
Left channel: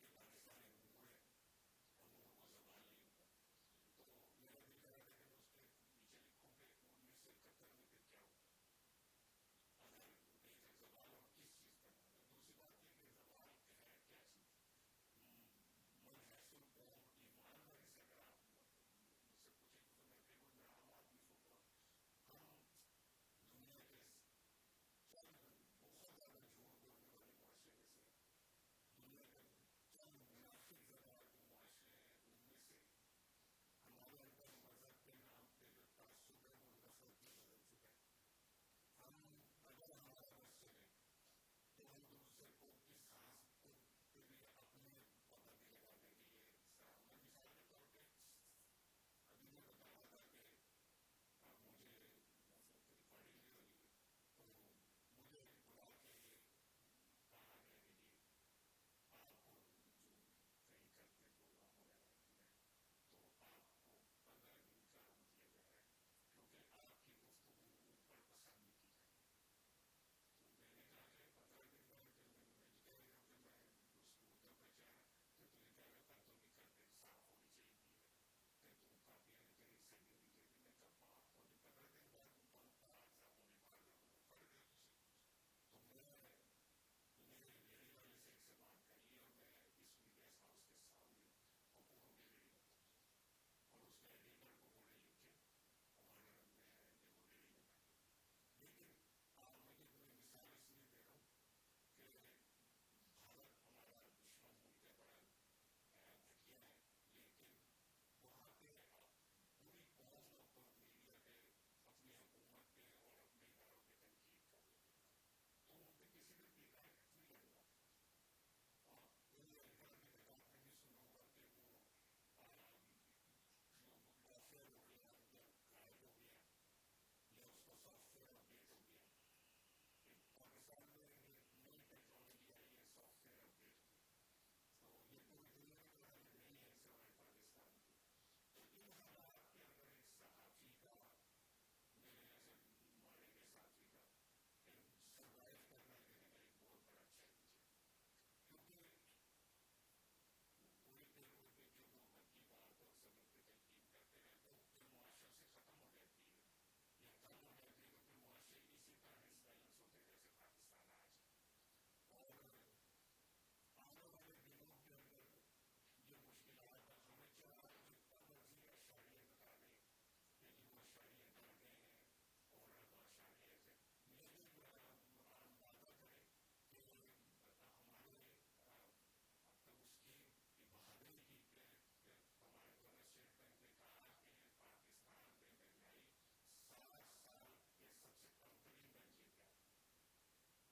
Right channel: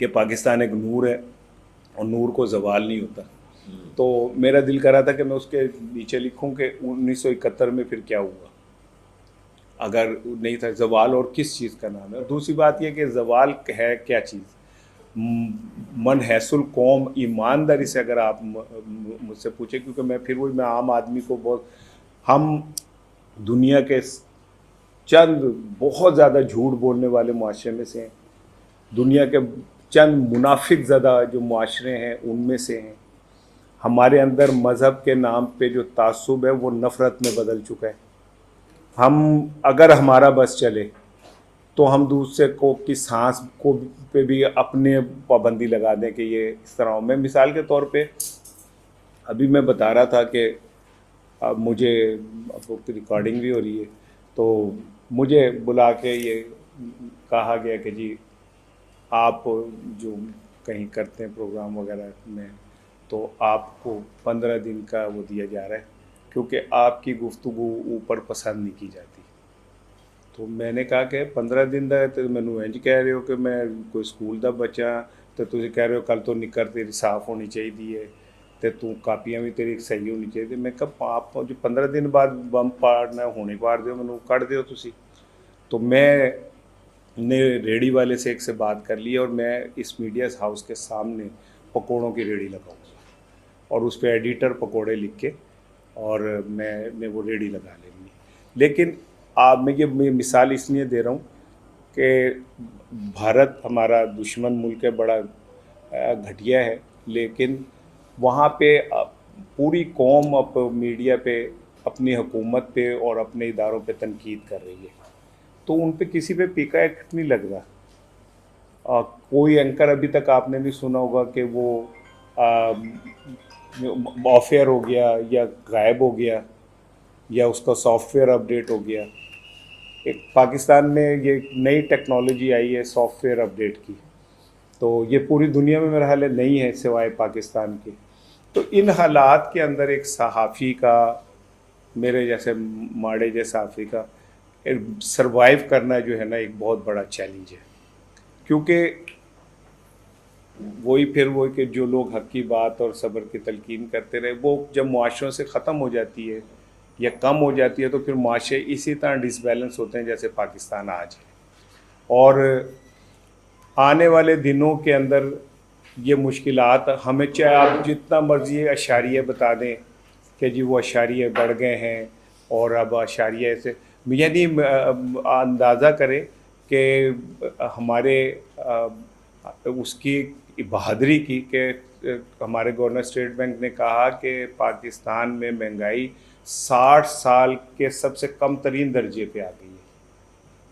کہ پاکستان ایک نور ہے اور نور کو زوال نہیں ہوتا. تو میرا دل کر رہا تھا کہ میں اس کے نیچے لکھوں کہ 1971 میں پھر کیا ہوا اگر نہیں تھا. زوال اور کس چیز کا نام ہے. اور دوسری بات یہ کہ زوال ہے کیا چیز, من حیث القوم ایمانداری سے اگر آپ مجھ سے پوچھیں, کیونکہ میں پھر وہی میں عام آدمی کو بہت, ہم دنیا کے چند بہت زیادہ جھوٹ بولنے والے معاشرے میں سے ہیں, دنیا کے چند منافق زدہ جو معاشرے ہیں ان میں سے ہیں. ہمارے اندر مذہب کے نام پہ جو تعصب ہے وہ نفرت میں بدل چکا ہے. ہم اگر ہمارا بس چلے تو ہم دوسرے کو کی سانس کو پہ بھی اپنے پابندی لگا دیں کہ یہ اس طرح ہو. میں مثال کے طور پہ ابھی میں بتا رہا تھا کہ مجھے ریکارڈنگ بھی ہو رہی ہے, تو مجھے بلا کے یہ کہا گیا کہ جی آپ جو کہیں کرتے ہیں پروگرام وغیرہ میں, تو آپ کو 15 دن کا وہ دیا جا رہا ہے کیونکہ آپ کی گفتگو اوپر پسند نہیں کی جاتی. تو میں نے کہا کہ 15 دن دا تو مینوں انج کہہ رہے ہو کہ میں کوئی سکول دا بچہ, تو تسی کہہ رہے ہو کل تو نکر تیری صاف ہونی چاہیے تے تو کاپیاں بھی تیری صحیح ہونی چاہیے. میں کہا آپ جو 15 دن بعد بم پاڑنا ہونے پاڑ دیو, مینوں کٹ دیو تسی. تو میں نے ریڑھی والے سے ایک سے بات کر لی اور میں اس میڈیا ہاؤس کے سامنے پکوڑوں کی ریڑھی لگاؤں گا اور اس پہ ایڈیٹر پکوڑے لکھ کے اور میں وہ ریڑھی لگا لیں گی. لیکن میں یہ مثال اس لیے دے رہا ہوں کہ بھارت ہمارا دشمن ملک ہے, بڑا گھٹیا ہے, لیکن وہاں پہ پوری قوم اب میڈیا پہ اپنی حکومت پہ اور اپنے اداروں پہ تنقید کر رہی ہے. تو ان پہ کسی پہ پیکا ایکٹ نہیں لگ رہا. کوئی اینکر ابھی تک آپ نے نہیں سنا ہوگا کہ وہ آف ایئر ہو گیا یا غائب ہو گیا یا اس کا سافٹ ویئر اپڈیٹ ہو گیا. ایک پاکستان میں یہ نئی ٹیکنالوجی آئی ہے سافٹ ویئر اپڈیٹ کی, تو یہ پوری دنیا میں میرا خیال ہے نہیں ہے سوائے پاکستان کے. تو ان حالات کے اندر ایک صحافی کا, میرے جیسے ماڑے جیسے صحافی کا سروائیو کرنا جو ہے نا ایک بہت بڑا چیلنج ہے. کیونکہ وہی پھر وہ کہ جو لوگ حق کی بات اور صبر کی تلقین کرتے رہے, وہ جب معاشروں سے ختم ہو جاتی ہے یا کم ہو جاتی ہے تو پھر معاشرے اسی طرح ڈس بیلنس ہوتے ہیں جیسے پاکستان آج ہے. اور آنے والے دنوں کے اندر یہ مشکلات ہمیں, چاہے آپ جتنا مرضی اشاریہ بتا دیں کہ جی وہ اشاریہ بڑھ گئے ہیں اور اب اشاریہ سے, یعنی اندازہ کریں کہ ہمارے اس کی بہادری کی کہ ہمارے گورنر اسٹیٹ بینک نے کہا کہ پاکستان میں مہنگائی 60 سال کے سب سے کم ترین درجے پہ آ گئی ہے.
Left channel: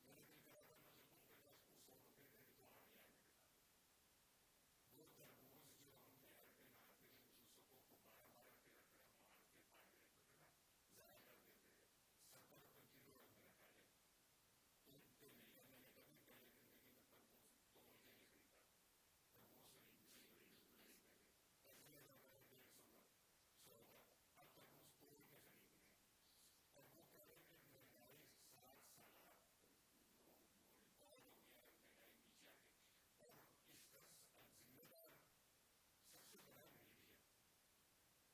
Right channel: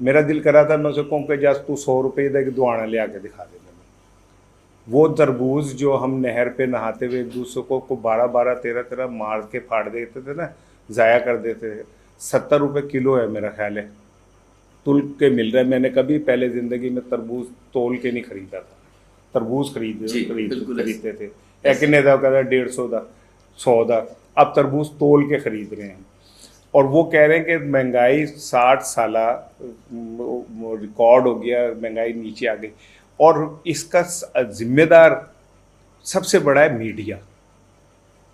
میرا دل کر رہا تھا میں اسے کہوں کہ جس تو 100 روپے دے کے دعانا لے آ کے دکھا دے. وہ تربوز جو ہم نہر پہ نہاتے ہوئے ایک دوسرے کو 12 13 مار کے پھاڑ دیتے تھے نا, ضائع کر دیتے تھے, 70 روپے کلو ہے میرا خیال ہے, تل کے مل رہا ہے. میں نے کبھی پہلے زندگی میں تربوز تول کے نہیں خریدا تھا. تربوز خریدتے تھے کنے دا کہتا 150 دا 100 دا, اب تربوز تول کے خرید رہے ہیں. اور وہ کہہ رہے ہیں کہ مہنگائی 60 سالہ ریکارڈ ہو گیا, مہنگائی نیچے آ گئی. اور اس کا ذمہ دار سب سے بڑا ہے میڈیا.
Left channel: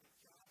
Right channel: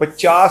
50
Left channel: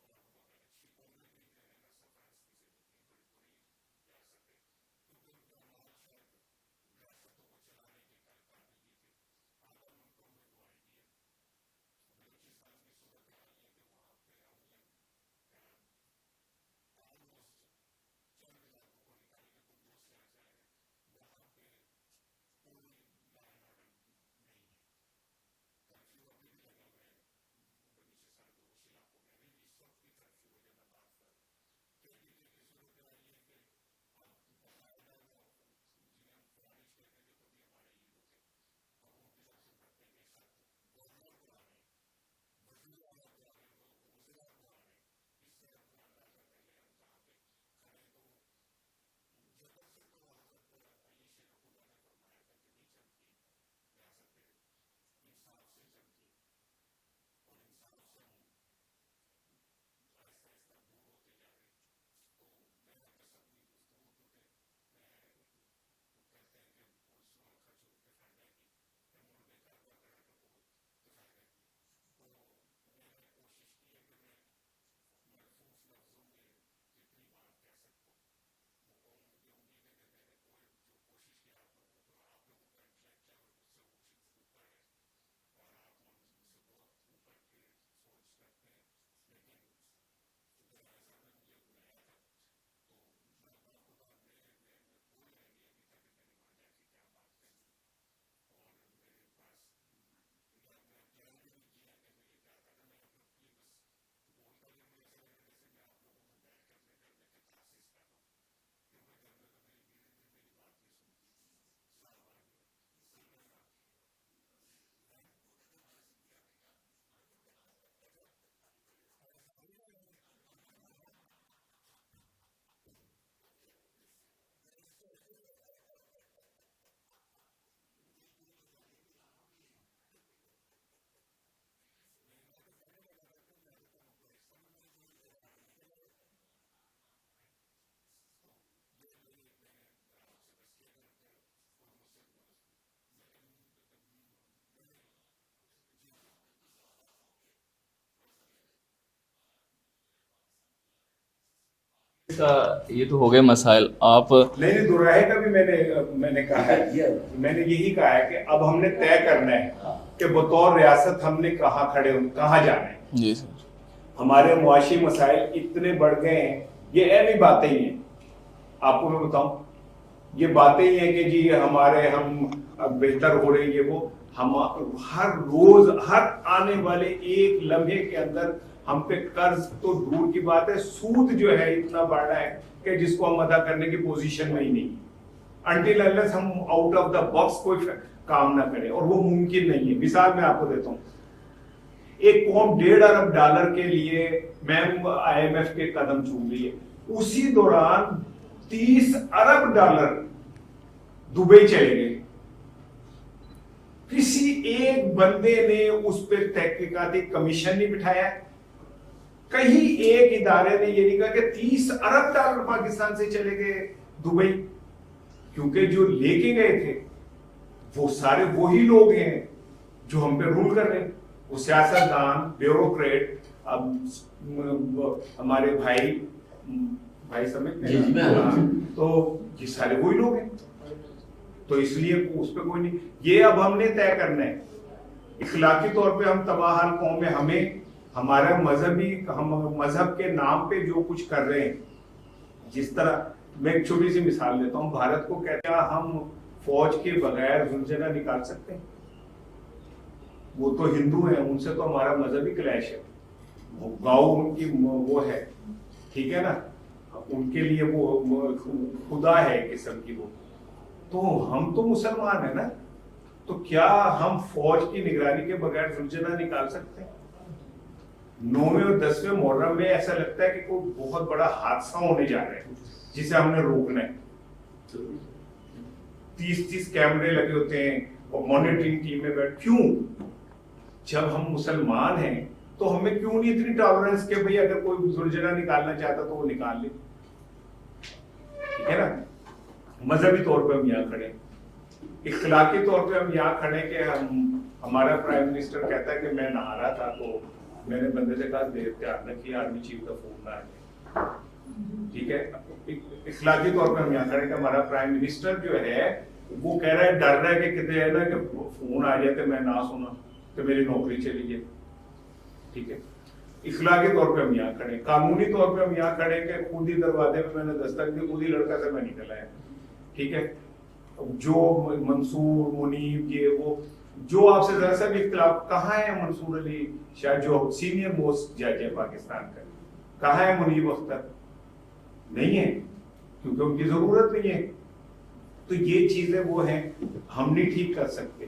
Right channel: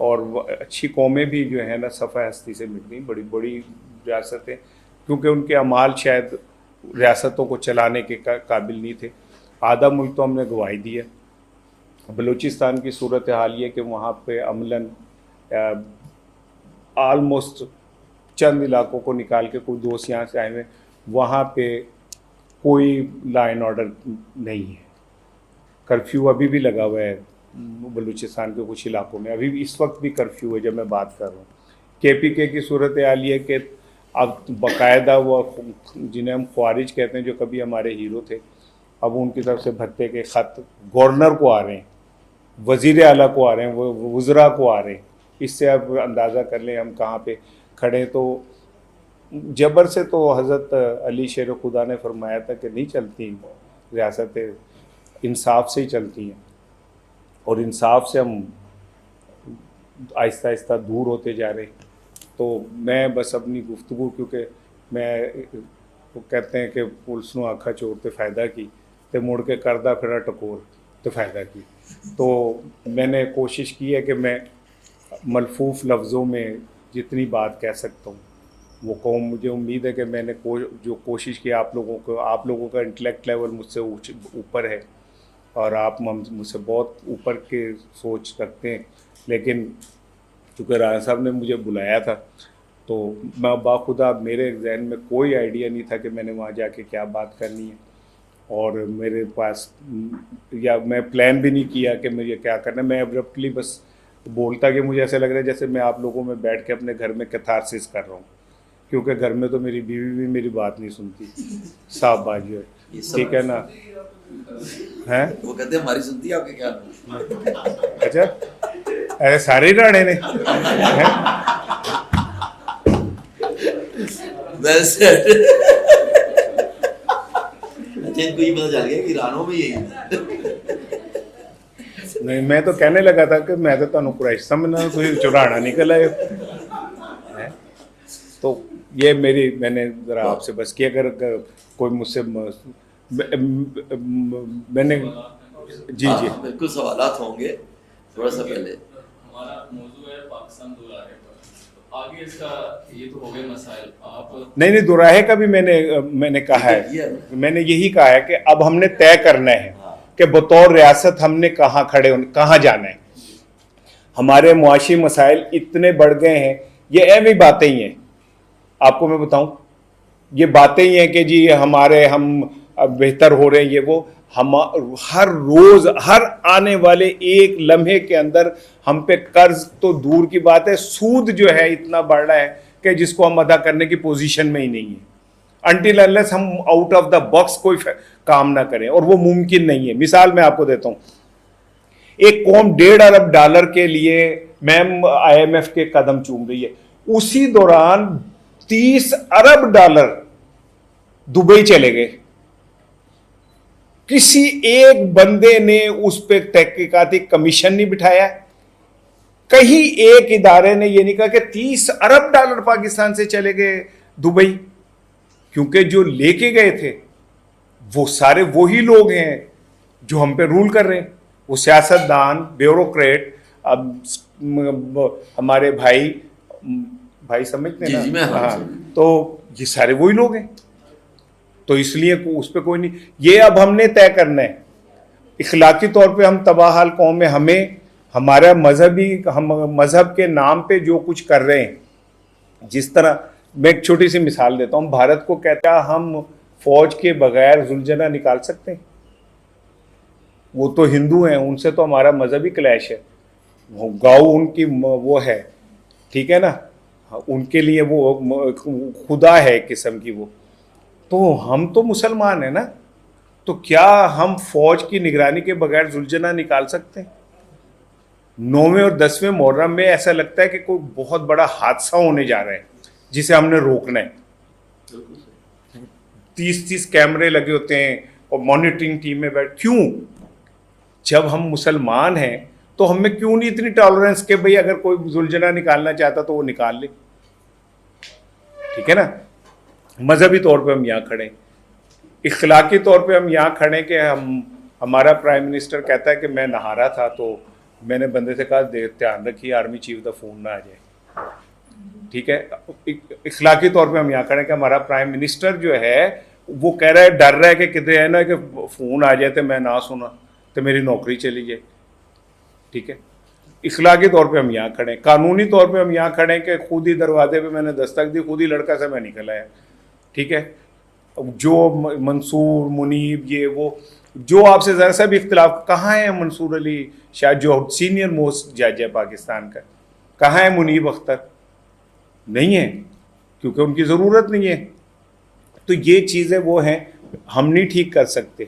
اور اچھی قومیں بھی جو ہے نا صفحہ ہستی سے مٹ گئیں، بڑی بڑی ریاستیں، کیونکہ ان کے اعمال شاید ریاستوں کو چلانے کے قابل نہیں تھے. آدھا ملک تو ہم نے گنوائی دیا. بلوچستان کی صورتحال یہ کہ وہاں پہ عملاً آلموسٹ چند علاقوں کو نکال کے کوئی دوست یہاں سے آئے ہوئے، وہاں پہ کوئی لا اینڈ آرڈر نہیں ہے. کرفیو ابھی بھی لگا ہوا ہے بلوچستان کے کچھ علاقوں میں، ابھی بھی اس وقت بھی کرفیو ہے جب میں بات کر رہا ہوں. KPK کی صورتحال یہ کہ اب باقاعدہ وہ جنہیں ہم خوارج کہتے ہیں جو کبھی ہمارے ہیرو تھے، اب ان کی طرف سے بھتے کے خط گورنر کو آ رہے ہیں، وزیر اعلیٰ کو آ رہے ہیں، وزراء کو آ رہے ہیں. اس سے اب اندازہ کر لیں ہم کہاں پہ کھڑے ہیں. تو جبر سے تو حضرت علی شیر خدا نے فرمایا تھا کہ نہیں چلتی ریاستیں، انصاف سے ہی چلتی ہیں، اور انصاف سے ہم آہستہ آہستہ دور ہوتے جا رہے ہیں. تو میں بس اپنی گفتگو، کیونکہ میں وہ کہتے ہیں کہ پولیس نو آکھا چور تے فائدہ کی تے مڑ کے کردہ پھرا ٹکور تے فائدہ کی. تو میں نے کوشش کی ہے کہ میں ملفوف لفظوں میں جتنی بات کہہ سکتا ہوں وہ قوم، مجھے امید ہے کہ میں نے جو کوشش کی آپ لوگوں کا انٹلیکٹ لیول مجھ سے اوپر ہے، اور آپ مجھ سے بہت اوپر کے سوچ رکھتے ہیں. لیکن چونکہ رانا صاحب نے مجھے بلایا تھا تو میں باخدا میرے ذہن میں کوئی آئیڈیا نہیں تھا کہ میں نے وہاں جا کے کیا بات کرنی ہے، اور میرے پاس یا میں پلان بھی نہیں کیا کہ مجھے کیا کرنا ہے. میں ابرپٹلی بس بولتا کہ مجھے ایسا لگ رہا ہے جیسے میں آپ لوگوں میں بیٹھ کے اپنے گھر میں کیتھارسس کر رہا ہوں، کیونکہ گھر میں تو میری بیوی بھی میری بات نہیں سنتی، صاحب باجی ہے، ٹھیک ہے نا. ہیں وہ کہتے ہیں ہماری سنتی ہے آپ کے کیا؟ اچھا ایسے سارے راڑے نے ویسے اچھا ان کو یہ پتا چل گیا کہ رانوں میں یہی نہیں. میں تو کہنے لگا تھا کہ میں تو تمہیں قریش سمجھنا، کوئی چورانا نکل آئے. تو یہ میں نے ذرا آپ سے بس کہ اگر کوئی مجھ سے میں نے جی بالکل سوالات ہوں گے. تھوڑا سا پہلے ہمارا موضوع ہے پاکستان دو راہے پر، آگے اس کا یہ تو ہو گئے مسائل. آپ نہیں دوراہے کا بھی میں نے کہا ہے، میں نے یہی کہا ہے کہ اب ہم نے طے کرنا ہے کہ بطور ریاست ہم نے کہاں جانا ہے. جی ہمارے معاشی مسائل اتنے بڑھ گئے ہیں، یہ ایوی باتیں ہی ہیں. آپ کو میں بتاؤں یہ باتیں ہی ہیں کہ جی ہم بہتر ہو رہے ہیں، یہ وہ ہم ہر روز ہر آنے والے ایک لمحے کے اندر ہم پہ قرض تو دور کی بات ہے، سود جو ہے اتنا بڑھ رہا ہے کہ جس کو ہم ادا کرنے کی پوزیشن میں ہی نہیں ہے. انٹل انلیس ہم آؤٹ آف دا باکس کوئی کام نہ کریں، اور وہ ممکن نہیں ہے. مثال میں آپ کو دیتا ہوں، ایک قوم $1.5 ارب کے لیے میم IMF کے قدم چوم رہی ہے، اسی دوران $30 ارب دبئی چلے گئے. کسی ایک بندے نے اس پہ تحقیقاتی کمیشن نہیں بٹھایا، کہیں ایک ادارے نے یہ نہیں کہا کہ $30 ارب پاکستان سے چلے گئے دبئی. کیونکہ جو لے کے گئے تھے وہ سارے وہی لوگ ہیں جو ہم پہ رول کر رہے ہیں، وہ سیاستدان، بیوروکریٹ. اب ہمارے بھائی سمجھتے ہیں نا، تو یہ سارے وہی لوگ ہیں. تو اس لیے اس پہ کوئی نہیں. یہ اب ہم نے طے کرنا ہے. اخلاقی طور پہ ہم تباہ حال قوم ہیں، ہمیں ہمارا مذہب کے نام پہ جو کچھ کر رہے ہیں، جس طرح میں ایک چھوٹی سی مثال دیتا ہوں. بھارت کو کہتا ہے ہم فوج کے بغیر زلجھنا نکال سکتے ہیں. وہ تو ہندو ہیں، ان سے تو ہمارا مذہبی کلیش ہے. گاؤں ان کی وہ ہے، ٹھیک ہے نا، ان کے لیے وہ خدا ہے ایک قسم کی وہ. تو ہم تو مسلمان ہیں نا، تو کیا ہم فوج کی نگرانی کے بغیر زلجھنا نکال سکتے ہیں؟ 9ویں اور 10ویں محرم میں ایسا لگتا ہے کہ کوئی بہت بڑا حادثہ ہونے جا رہا ہے جسے ہم نے روکنا ہے. 30 کیمرے لگے ہوتے ہیں اور مانیٹرنگ ٹیم میں کیوں؟ جب ہم مسلمان ہیں تو ہم میں کیوں نہیں اتنی ٹالرنس کہ بھئی اگر کوئی زلجھنا نکالنا چاہتا تو وہ نکال لے. ٹھیک ہے نا. مذہبی طور پہ ہم یہاں کھڑے ہیں، اخلاقی طور پہ ہم یہاں کھڑے کہ ہمارا پرائم منسٹر کہتا ہے کہ میں نہا رہا تھا تو میں نے بندے سے کہا دھیان رکھیے آرمی چیف کا فون نہ آ جائے, ٹھیک ہے. اخلاقی طور پہ ہم یہاں کھڑے کہ ہمارا پرائم منسٹر جو ہے وہ کہہ رہا ہے, ڈر رہا ہے کہ کتنے ہے نا کہ فون آ جائے تو میں نہ سنا تو میری نوکری چلی جائے, ٹھیک ہے. اخلاقی طور پہ ہم یہاں کھڑے ہیں, قانونی طور پہ ہم یہاں کھڑے ہیں کہ خود ہی دروازے پہ میں نے دستک دی, خود ہی لڑکا سے میں نکل آیا, ٹھیک ہے. جو منصور منیب یہ وہ جو آپ سے ذرا سا بھی اختلاف, کہاں ہے منصور علی شاہ جو سینئر موسٹ جج ہے پاکستان کا, کہاں ہے منیب اختر؟ نہیں ہے, کیونکہ ان کی ضرورت نہیں ہے. تو یہ چیزیں وہ ہیں ہم نہیں ٹھیک کر سکتے,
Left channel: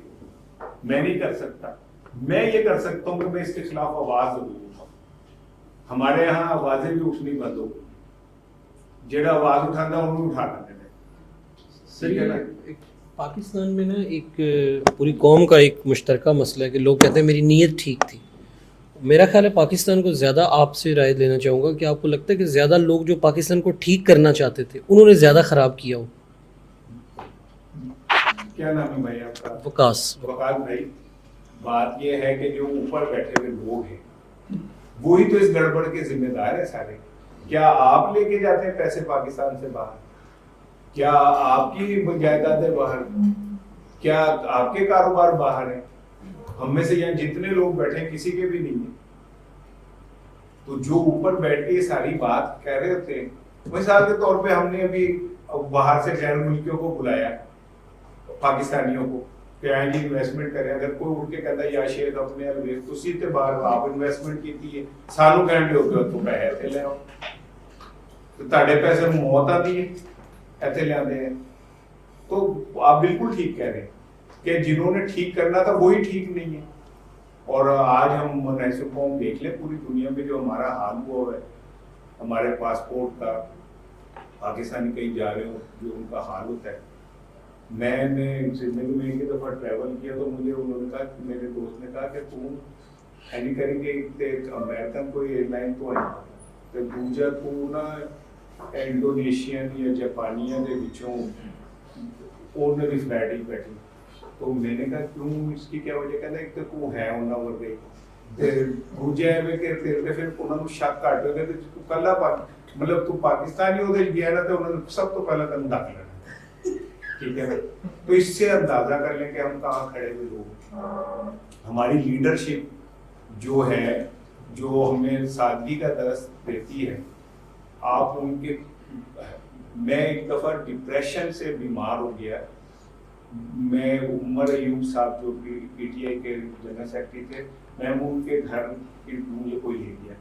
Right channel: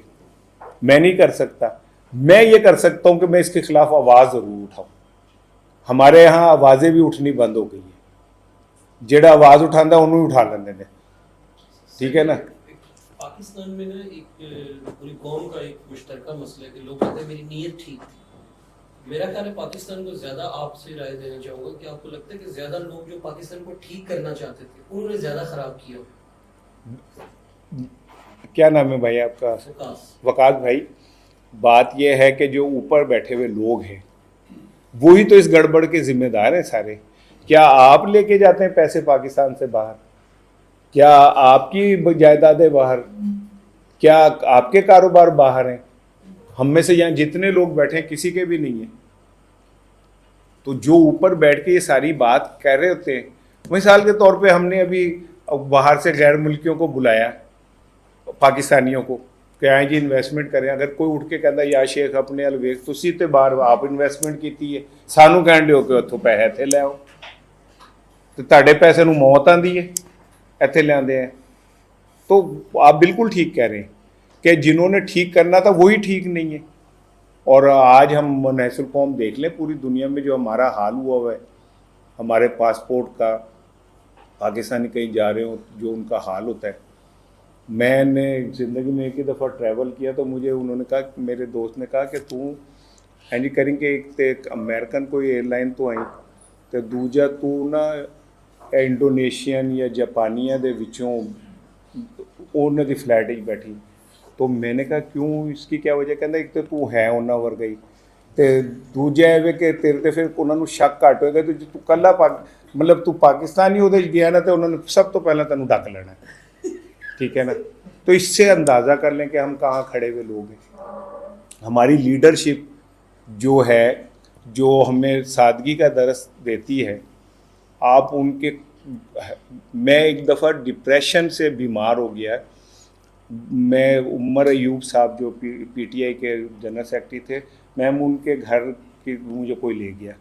میں نہیں کر سکتا. میں یہ کر سکتا ہوں کہ میں اس کے خلاف آواز ضرور اٹھاؤں. ہمارے یہاں آوازیں بھی اٹھنی بند ہو گئی ہیں, جڑا آواز اٹھانا انہوں اٹھا لیندے نے, ٹھیک ہے نا. پاکستان میں نا ایک پوری قوم کا ایک مشترکہ مسئلہ ہے کہ لوگ کہتے ہیں میری نیت ٹھیک تھی. میرا خیال ہے پاکستان کو زیادہ, آپ سے رائے لینا چاہوں گا کہ آپ کو لگتا ہے کہ زیادہ لوگ جو پاکستان کو ٹھیک کرنا چاہتے تھے انہوں نے زیادہ خراب کیا ہو؟ کیا نام ہے بھائی آپ کا؟ وقاص بھائی, بات یہ ہے کہ جو اوپر بیٹھے ہوئے لوگ ہیں وہی تو اس گڑبڑ کے ذمہ دار ہیں سارے. کیا آپ لے کے جاتے ہیں پیسے پاکستان سے باہر؟ کیا آپ کی جائیدادیں باہر؟ کیا آپ کے کاروبار باہر ہیں؟ ہم میں سے یہاں جتنے لوگ بیٹھے ہیں کسی کے بھی نہیں ہیں. تو جو اوپر بیٹھ کے یہ ساری بات کہہ رہے ہوتے ہیں, مثال کے طور پہ ہم نے ابھی باہر سے غیر ملکیوں کو بلایا, پاکستانیوں کو کہ آئیں جی انویسٹمنٹ کریں. اگر کوئی اٹھ کے کہتا ہے یا شیخ اپنے الویخ تسی تے باہر آپ انویسٹمنٹ کیتی ہے, سانو کہندے ہو کہ اتوں پیسے اتنے لے آؤ, تو تہاڈے پیسے نو موت آندی ہے اتنے لے آندے ہیں. تو آپ بالکل ٹھیک کہہ رہے ہیں کہ جنہوں نے ٹھیک کرنا تھا وہی ٹھیک نہیں ہے. اور آج ہم منحصر القوم دیکھ لیں پوری دنیا میں جو ہمارا حال ہوا ہوا ہے, ہمارے پاسپورٹ کا, پاکستانی کہیں جا رہے ہو جو ان کا حال ہوتا ہے. میں نے زندگی میں ایک ہی دفعہ ٹریول کیا تو مجھے انہوں نے کہا, میرے دوست نے کہا کہ تم ہینڈی کریں کہ ایک امریکن کوئی ایئر لائن تو آئی تو دوجا تو نا انڈونیشین یا جاپانیاں دے وچوں انہوں دی فلائٹ ہی بیٹھی. تو میں نے کہا کیوں, اس کی کیا وجہ؟ کہتا ایک تو ہے انہوں ور گئی تو دوجا ہے کہ تیرے تے پھر انہوں نے شک گھٹ ہوئے گا تو کلا مطلب تو پاکستانی وہ گیا نا تو انہوں نے سب تو پہلا تینوں ڈک لینا, ٹھیک ہے نا. تو اس سے اندازہ کر لیں کہ ہم کہاں کھڑے ہوئے لوگ ہیں. ہماری لیڈرشپ جو ہے جو ہمیں سادگی کا درس دیتی ہے, آپ ان کے, میں ایک دفعہ ڈپریشن سے بیمار ہو گیا. میں عمر ایوب صاحب جو پی ٹی آئی کے جنرل سیکرٹری تھے, میں ان کے گھر کی مجھے کوئی لے گیا.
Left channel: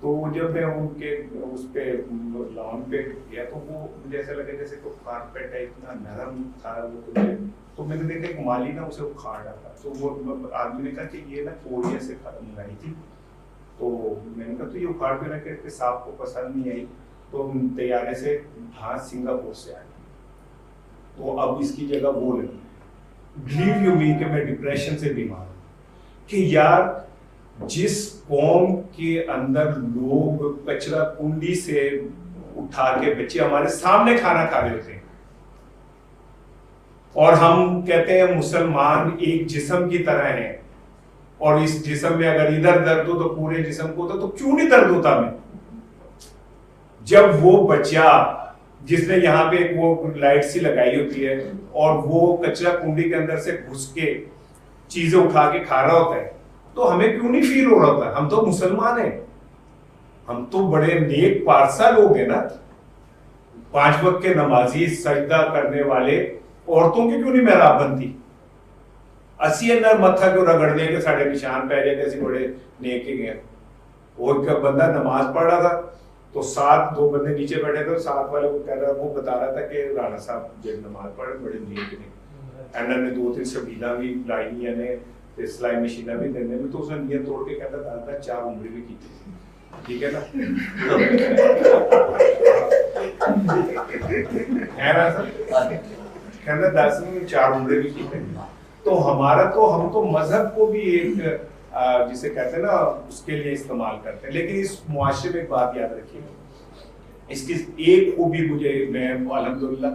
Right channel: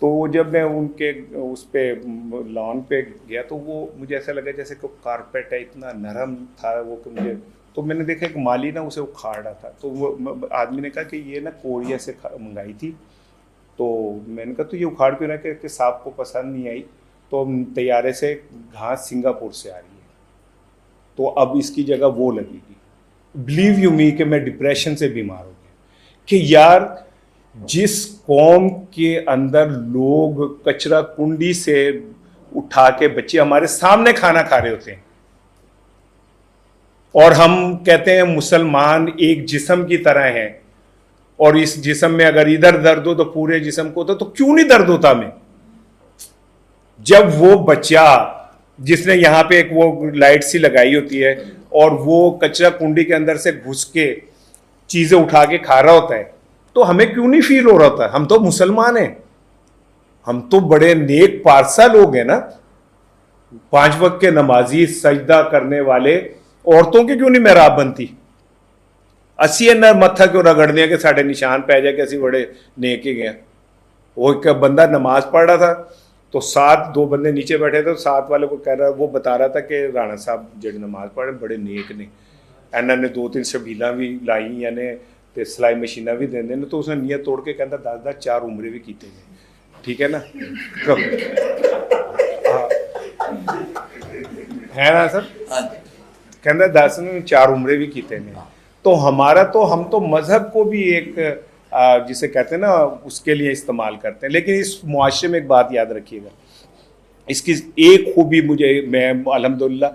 تو جب میں ان کے اس پہ لان پہ گیا تو وہ مجھے ایسا لگا جیسے کہ کارپیٹ ہے, اتنا نرم تھا وہ. تو میں نے دیکھا ایک مالی نا اسے اکھاڑ رہا تھا. تو وہ آدمی نے کہا کہ یہ نا کوریا سے منگائی تھی. تو میں نے کہا تو یہ اکھاڑ کیوں رہا کہ صاحب کو پسند نہیں آئی, تو طیارے سے گھاس سنگاپور سے آئی, تو اب اس کی جگہ وہ لگی. بلیو یو می کہ میں ڈپریشن سے بیمار ہوں کہ یار جس قوم کے اندر لوگ کچرا کنڈی سے اٹھا کے بچے ہمارے سامنے کھانا کھا رہے ہوتے ہیں, اور ہم کہتے ہیں مسلمان ایک جسم کی طرح ہیں, اور اس جسم میں اگر ادھر درد ہو تو پورے جسم کو ہوتا, تو کیوں نہیں درد ہوتا ہمیں؟ جب وہ بچہ جس نے یہاں پہ ایک وہ لائٹ سی لگائی ہوتی ہے اور وہ کچرا کنڈی کے اندر سے گھس کے چیزیں اٹھا کے کھا رہا ہوتا ہے, تو ہمیں کیوں نہیں فیل ہو رہا ہوتا؟ ہم تو مسلمان ہیں, ہم تو بڑے نیک پارسا لوگ ہیں نا, 5 وقت کے نمازی, سجدہ کرنے والے. عورتوں کی کیوں نہیں محراب بنتی؟ اسی متھا کیوں رگڑ دیا کہ ساڑھے نشان پہ جائے کہ اسی بڑے نیک ہی گئے. وہ ایک بندہ نماز پڑھ رہا تھا تو 2 بندے نیچے بیٹھے تھے, 7 والے کو کہہ رہا, وہ بتا رہا تھا کہ رانا صاحب جڑے نماز پڑھے بڑے نیک نے, انہوں نے 2-3 شبیلاں بھی لائی, یعنی تے سلائی مشیناں بھی دے دیں. تو اس نے نیت توڑ کے کہتا 10 4 عمرے بھی کیتے تھے, ٹھیک ہے نا. ہے نا سر, کہتا 10 نے 4 عمرے بھی کیتے ہیں. تو ہمارا تو ہم تو مذہب کو بھی ایک جسے کہتے ہیں نا اس کے لیے استعمال کرتے ہیں. لیکن اس معاشرے میں ایک بات یاد رکھیے گا, اس کی ایک خوبی مجھے, میں الحمدللہ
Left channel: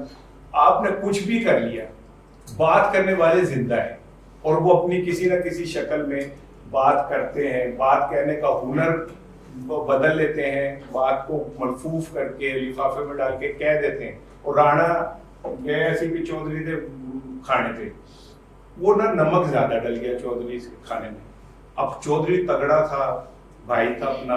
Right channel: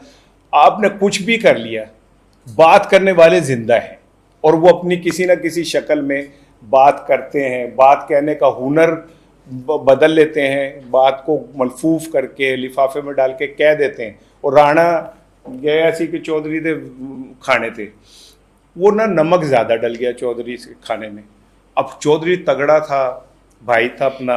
آپ نے کچھ بھی کر لیا, بات کرنے والے زندہ ہیں اور وہ اپنی کسی نہ کسی شکل میں بات کرتے ہیں, بات کہنے کا ہنر بدل لیتے ہیں, بات کو ملفوف کر کے لفافے میں ڈال کے کہہ دیتے ہیں. اور رانا یہ ایسی کہ چودھری تھے کھانے تھے, وہ نا نمک زیادہ ڈل گیا چودھری سے کھانے میں. اب چودھری تگڑا تھا, بھائی تھا اپنا,